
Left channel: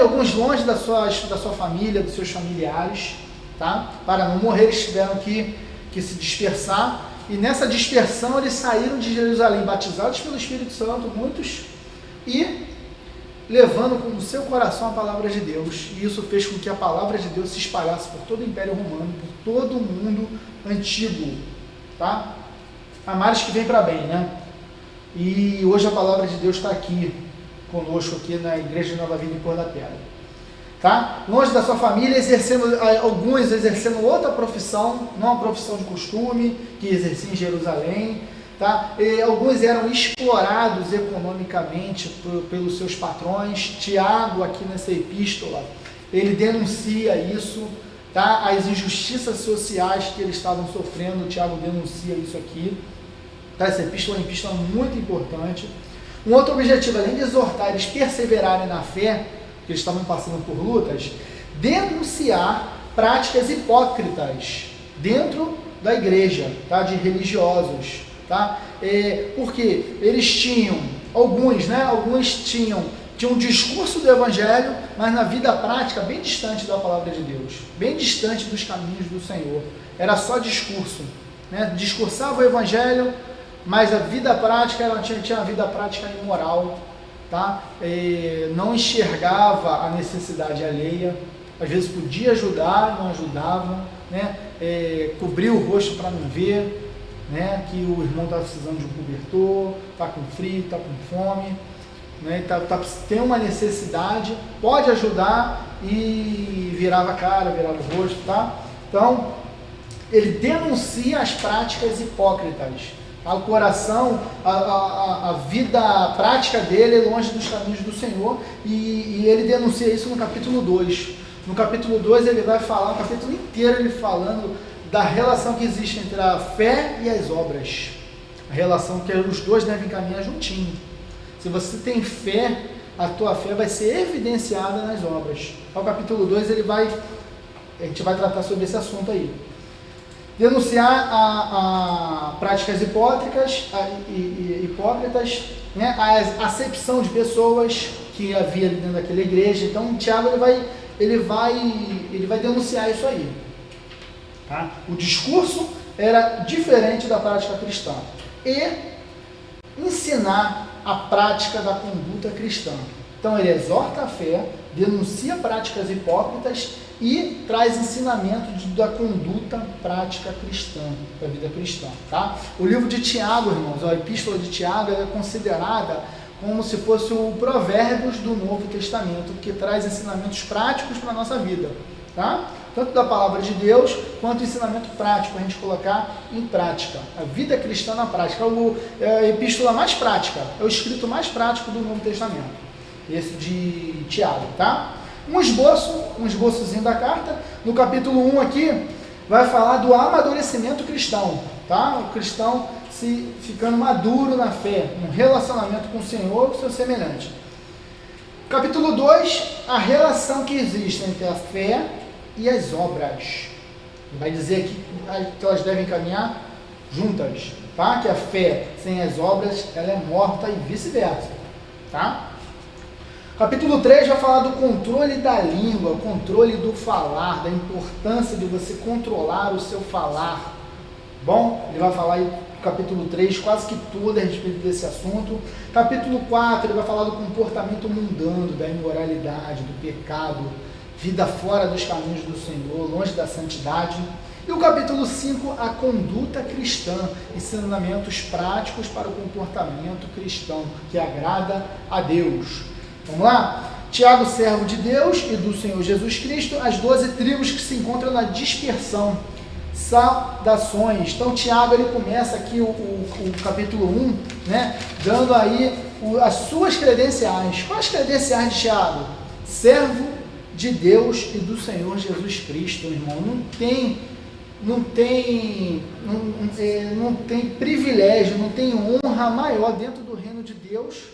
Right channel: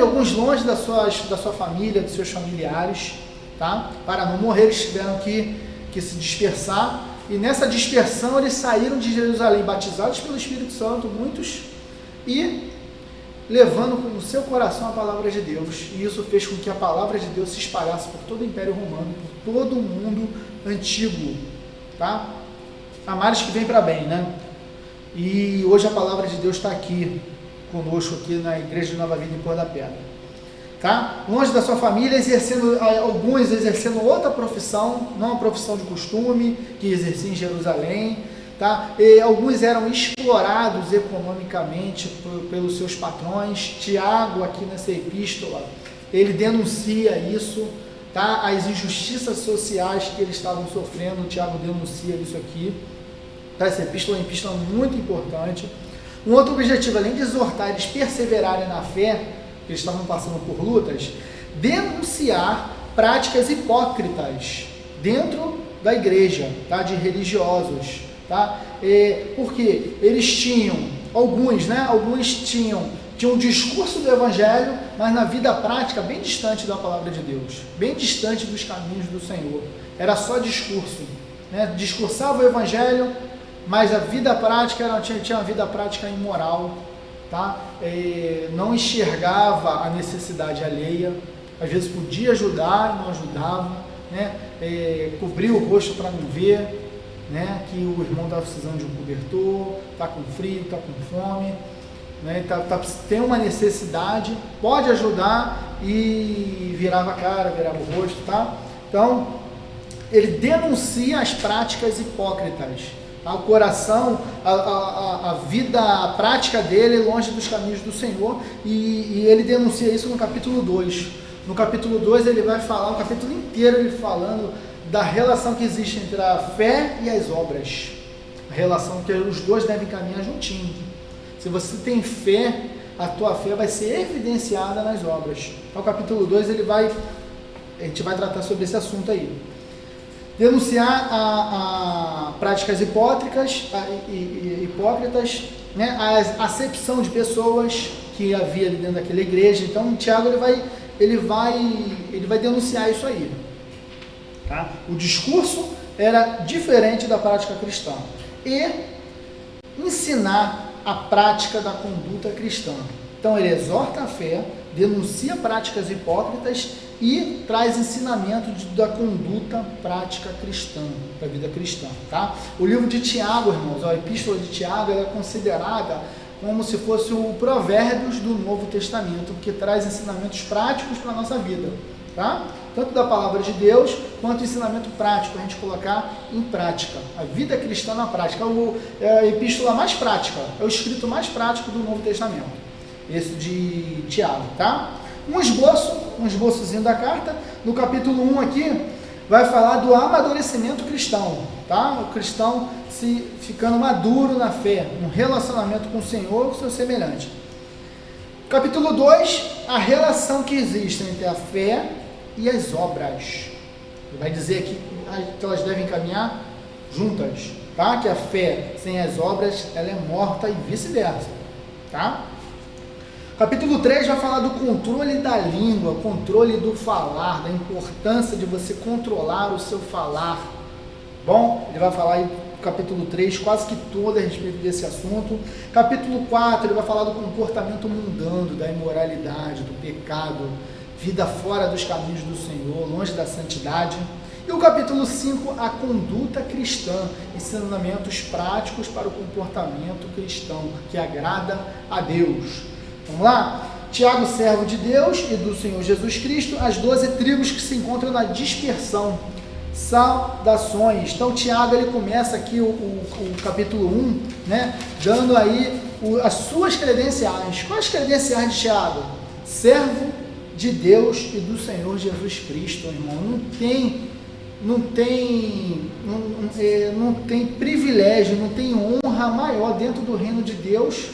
alguns longe da sua família, dos seus familiares, tá? Para não morrer, eles tiveram que se dispersar, e nessa dispersão eles saíram de Jerusalém, batizados pelo Espírito Santo, muitos, e levando no seu coração a palavra de Deus, e isso fez com que a palavra de Deus se espalhasse por todo o Império Romano, por todo o mundo antigo, tá? Há males que vem para bem, né? E hoje a palavra de Deus está aqui conosco, aqui na Igreja de Nova Vida em Cor da Pedra, tá? Longe da sua família, alguns exercendo outra profissão, não a profissão de costume, que exercia em Jerusalém, tá? E alguns eram explorados economicamente pelos seus patrões. Tiago, aqui nessa epístola, ele denuncia isso, tá? As injustiças sociais que eles estavam sofrendo, Tiago denuncia isso aqui, tá? Essa epístola é uma epístola muito importante. Um outro objetivo, além de exortar eles perseverarem na fé, que eles estavam passando por lutas, denunciar práticas hipócritas dentro da igreja, tá? De religiosos, tá? Porque eles tinham, alguns tinham um discurso do evangelho, mas na vida prática bem distante da palavra de Deus, bem distante dos caminhos do Senhor. Era só discurso, né? Discursava o evangelho, mas a vida prática, tinha uma vida prática imoral, tá? Não enxergava a necessidade alheia, às vezes podia ajudar, não ajudava, né? Cobria o rosto para não ver, né? Que o irmão está precisando de um cobertor, está com frio, está com fome, né? Tem uma necessidade, pode ajudar, e virava a cara, virava o rosto, tá? Então, ele denuncia as práticas hipócritas. O coração, a vida prática dele é longe dos caminhos do Senhor, e ele denuncia isso no capítulo 2. No capítulo 2 ele vai falar, o capítulo inteiro ele falando da relação que existe entre a fé e as obras. A relação que os dois devem caminhar juntinho. Se você tem fé, a tua fé vai ser evidenciada nas obras. Então o capítulo 2 a gente vai tratar sobre esse assunto aí. Denunciar a práticas hipócritas, né? A acepção de pessoas que havia ali dentro daquela igreja. Então, Tiago ele vai denunciar isso aí, tá? O discurso era diferente da prática cristã, e ensinar a prática da conduta cristã. Então, ele exorta a fé, denuncia práticas hipócritas e traz ensinamento da conduta prática cristã, da vida cristã, tá? O livro de Tiago, irmãos, a epístola de Tiago, ela é considerada como se fosse o Provérbios do Novo Testamento, que traz ensinamentos práticos para a nossa vida, tá? Tanto da palavra de Deus, quanto ensinamento prático, a gente colocar em prática, a vida cristã na prática. É a epístola mais prática, é o escrito mais prático do Novo Testamento, esse de Tiago, tá? Um esboçozinho da carta. No capítulo 1 aqui, vai falar do amadurecimento cristão, tá? O cristão ficando maduro na fé, no relacionamento com o Senhor e com o seu semelhante. Capítulo 2, a relação que existe entre a fé e as obras. Ele vai dizer aqui que elas devem caminhar juntas, tá? Que a fé sem as obras, ela é morta e vice-versa, tá? Capítulo 3 vai falar do controle da língua, controle do falar, da importância de você controlar o seu falar. Bom, ele vai falar aí no capítulo 3 quase que todo a respeito desse assunto. Capítulo 4 ele vai falar do comportamento mundano, da imoralidade, do pecado, vida fora dos caminhos do Senhor, longe da santidade. E o capítulo 5, a conduta cristã, ensinamentos práticos para o comportamento cristão, que agrada a Deus. Vamos lá? Tiago, servo de Deus e do Senhor Jesus Cristo, as 12 tribos que se encontram na dispersão. Saudações. Então Tiago, ele começa aqui o capítulo 1, né, dando aí as suas credenciais. Quais as credenciais de Tiago? Servo de Deus e do Senhor Jesus Cristo, irmão. Não tem privilégio, não tem honra maior dentro do reino de Deus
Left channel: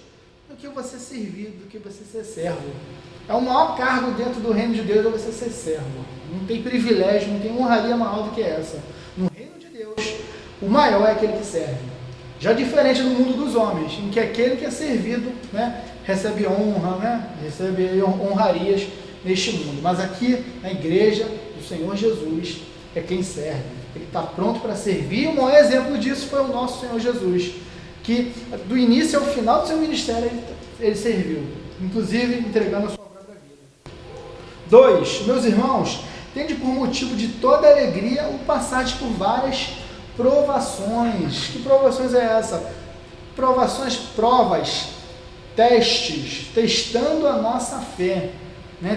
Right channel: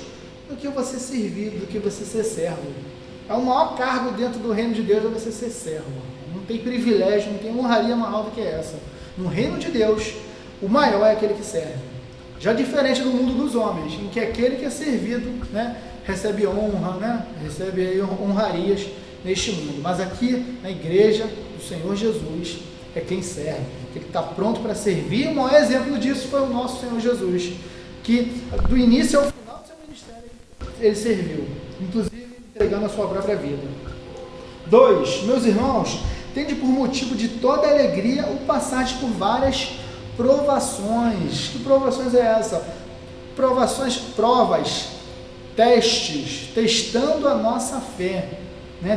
do que você servir, do que você ser servo. É o maior cargo dentro do reino de Deus, é você ser servo. Não tem privilégio, não tem honraria maior do que essa. No reino de Deus, o maior é aquele que serve. Já diferente do mundo dos homens, em que aquele que é servido, né, recebe honra, né, recebe honrarias neste mundo. Mas aqui, na igreja do Senhor Jesus, é quem serve. Ele está pronto para servir. O maior exemplo disso foi o nosso Senhor Jesus, que do início ao final do seu ministério ele serviu, inclusive entregando a sua própria vida. 2. Meus irmãos, tende por motivo de toda alegria o passagem por várias provações. Que provações é essa? Provas, testes, testando a nossa fé.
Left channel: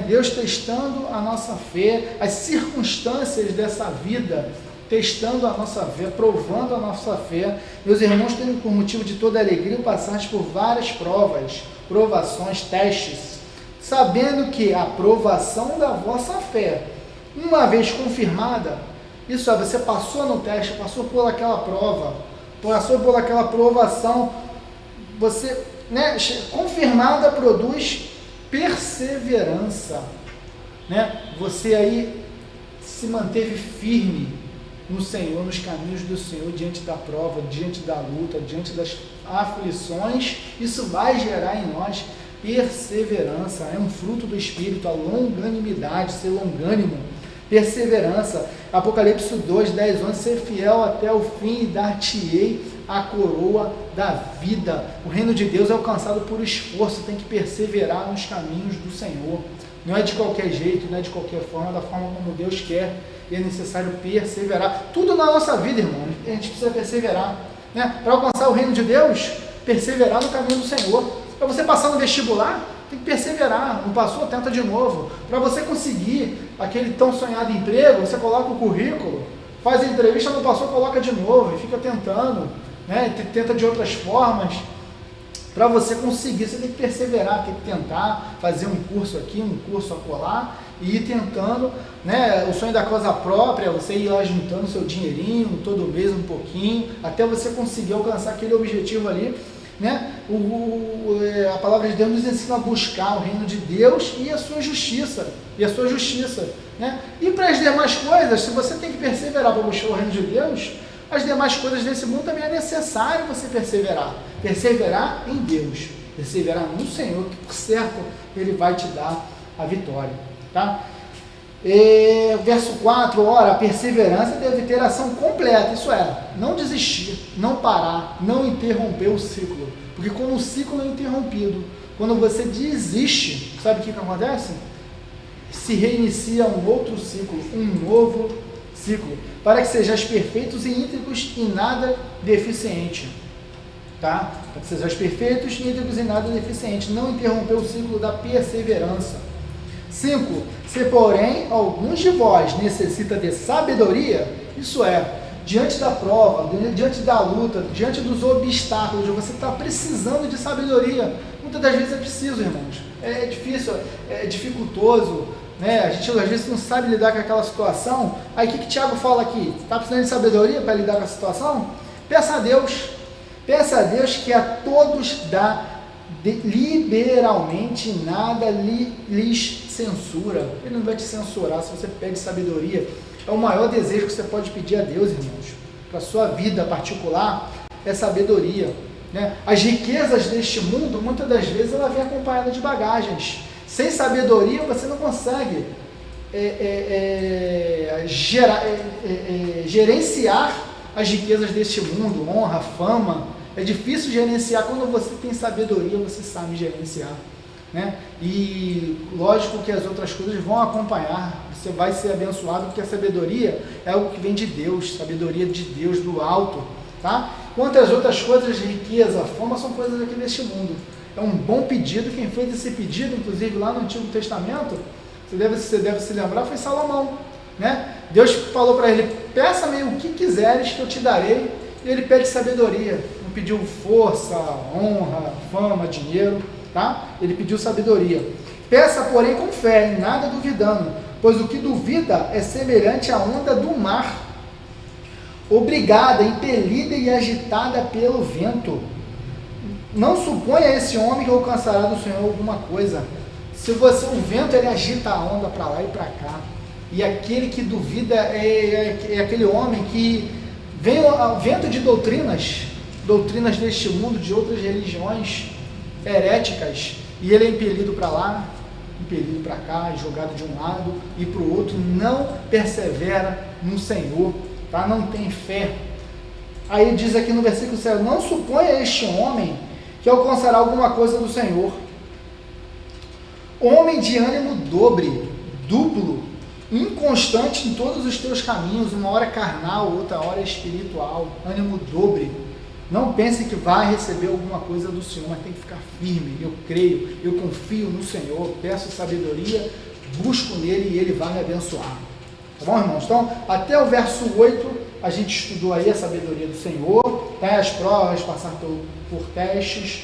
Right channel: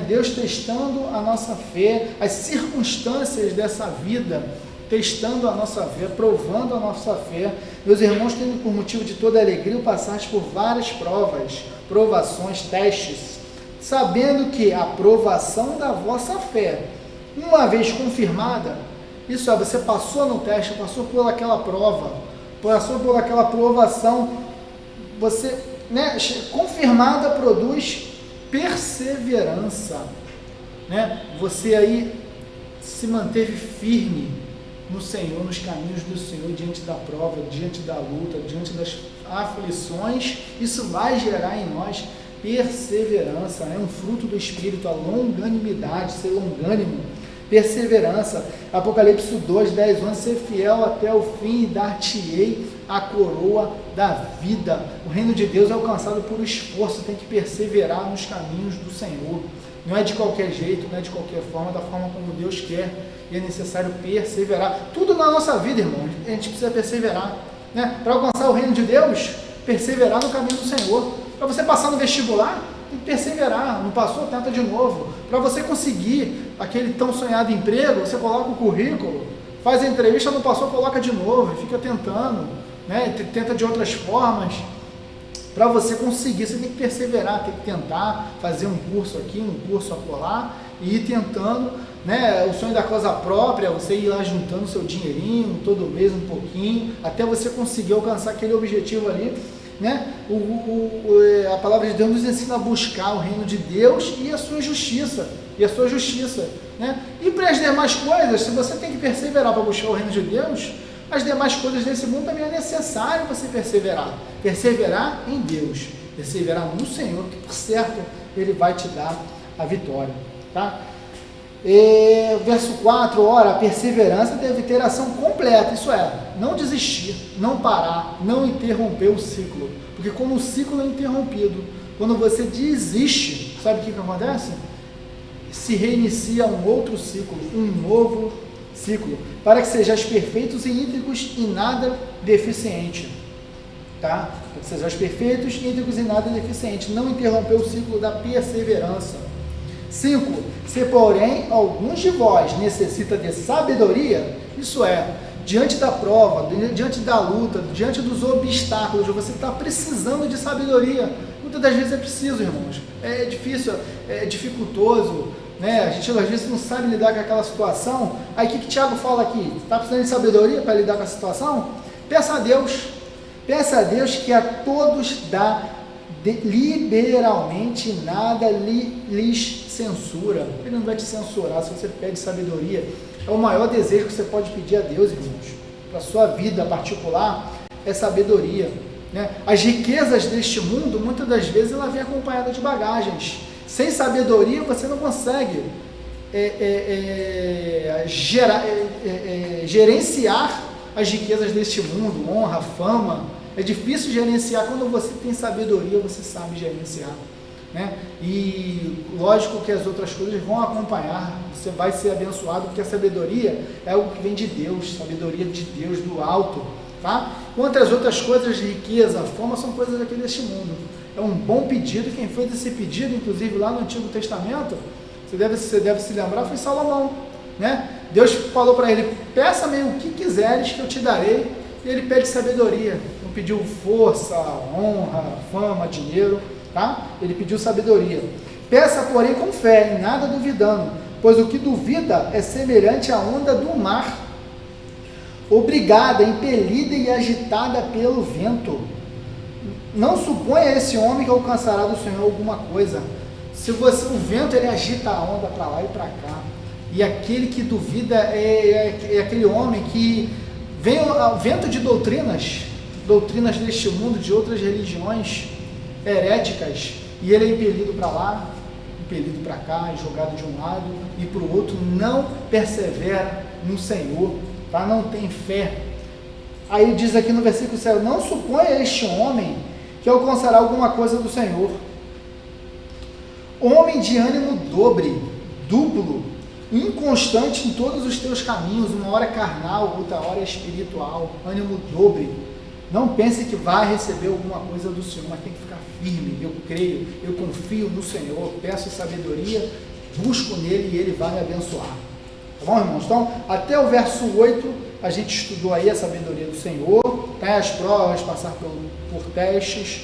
Deus testando a nossa fé, as circunstâncias dessa vida, testando a nossa fé, provando a nossa fé. Meus irmãos, tendo por motivo de toda alegria o passagem por várias provações, testes, sabendo que a provação da vossa fé, uma vez confirmada, isso é, você passou no teste, passou por aquela prova, passou por aquela provação, você, confirmada, produz perseverança, Você aí se manteve firme no Senhor, nos caminhos do Senhor, diante da prova, diante da luta, diante das aflições. Isso vai gerar em nós perseverança, é um fruto do Espírito, a longanimidade, ser longânimo, perseverança. Apocalipse 2, 10, 11, ser fiel até o fim e dar-te-ei a coroa da vida. O reino de Deus é alcançado por esforço, tem que perseverar nos caminhos do Senhor. Não é de qualquer jeito, não é de qualquer forma, da forma como Deus quer, e é necessário perseverar. Tudo na nossa vida, irmão, a gente precisa perseverar, Para alcançar o reino de Deus, perseverar no caminho do Senhor. Para você passar no vestibular, tem que perseverar. Não passou, tenta de novo. Para você conseguir aquele tão sonhado emprego, você coloca o currículo, faz a entrevista, não passou, coloca de novo e fica tentando, Tenta de outras formas. Para você conseguir, você tem que perseverar, tem que tentar fazer um curso aqui, um curso acolá, e ir tentando, O sonho da causa própria, você ir lá juntando seu dinheirinho, todo mês um pouquinho, até você conseguir alcançar aquele objetivo ali, A palavra de Deus nos ensina a buscar o reino de Deus e a sua justiça, E para as demais coisas, se você tem que perseverar para buscar o reino de Deus, as demais coisas desse mundo também é necessário você perseverar em Deus, perseverar no Senhor, que por certo Ele vai te dar a vitória, tá? Verso 4, ora, a perseverança deve ter ação completa, isso é, não desistir, não parar, não interromper o ciclo, porque como o ciclo é interrompido, quando você desiste, sabe o que acontece? Se reinicia um outro ciclo, um novo ciclo, para que sejais perfeitos e íntegros e nada deficiente, tá? Para que sejais perfeitos, íntegros e nada deficiente, não interromper o ciclo da perseverança. 5. Se porém alguns de vós necessita de sabedoria, isso é, diante da prova, diante da luta, diante dos obstáculos, você está precisando de sabedoria. Muitas das vezes é preciso, irmãos, é difícil, é dificultoso, A gente às vezes não sabe lidar com aquela situação. Aí o que Tiago fala aqui? Está precisando de sabedoria para lidar com a situação? Peça a Deus que a todos dá liberalmente, nada lhes censura. Ele não vai te censurar se você pede sabedoria. É o maior desejo que você pode pedir a Deus, irmãos, para a sua vida particular, é sabedoria, né? As riquezas deste mundo, muitas das vezes, ela vem acompanhada de bagagens. Sem sabedoria, você não consegue gerenciar as riquezas deste mundo, honra, fama. É difícil gerenciar. Quando você tem sabedoria, você sabe gerenciar, né? E lógico que as outras coisas vão acompanhar, você vai ser abençoado, porque a sabedoria é algo que vem de Deus, sabedoria de Deus, do alto, tá? Quantas outras coisas de riqueza, fama, são coisas aqui deste mundo. É um bom pedido. Quem fez esse pedido, inclusive lá no Antigo Testamento, você deve se lembrar, foi Salomão, né? Deus falou para ele: peça-me o que quiseres que eu te darei. E ele pede sabedoria. Não pediu força, honra, fama, dinheiro, tá? Ele pediu sabedoria. Peça, porém, com fé, nada duvidando, pois o que duvida é semelhante à onda do mar, obrigada, impelida e agitada pelo vento. Não suponha esse homem que alcançará do Senhor alguma coisa. Se você, o vento, ele agita a onda para lá e para cá. E aquele que duvida é aquele homem que vem ao vento de doutrinas deste mundo, de outras religiões heréticas, e ele é impelido para lá, impelido para cá, jogado de um lado e para o outro, não persevera no Senhor, tá? Não tem fé. Aí diz aqui no versículo 7, não suponha este homem que alcançará alguma coisa do Senhor. Homem de ânimo duplo, inconstante em todos os teus caminhos, uma hora carnal, outra hora espiritual, ânimo dobre. Não pense que vai receber alguma coisa do Senhor, mas tem que ficar firme. Eu creio, eu confio no Senhor, peço sabedoria, busco nele e ele vai me abençoar. Tá bom, irmãos? Então, até o verso 8, a gente estudou aí a sabedoria do Senhor, tá? As provas, passar por testes,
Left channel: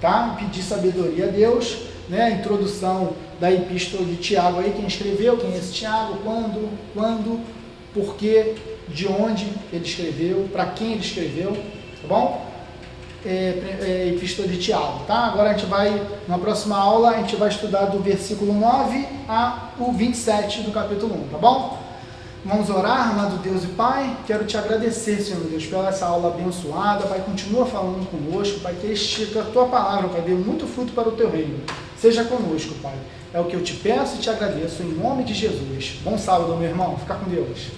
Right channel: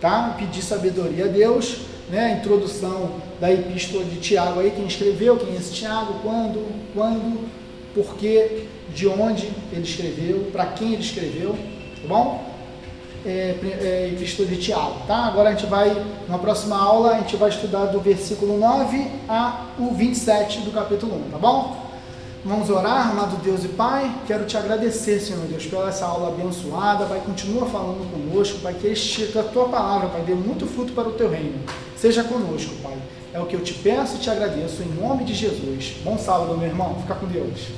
tá? Pedir sabedoria a Deus, né? A introdução da epístola de Tiago aí, quem escreveu, quem é esse Tiago, quando, porquê, de onde ele escreveu, para quem ele escreveu, tá bom? Epístola de Tiago, tá? Agora a gente vai, na próxima aula, a gente vai estudar do versículo 9 ao 27 do capítulo 1, tá bom? Vamos orar. Amado Deus e Pai, quero te agradecer, Senhor Deus, pela essa aula abençoada. Pai, continua falando conosco, Pai, que a tua palavra, Pai, dê muito fruto para o teu reino. Seja conosco, Pai. É o que eu te peço e te agradeço, em nome de Jesus. Bom sábado, meu irmão. Fica com Deus.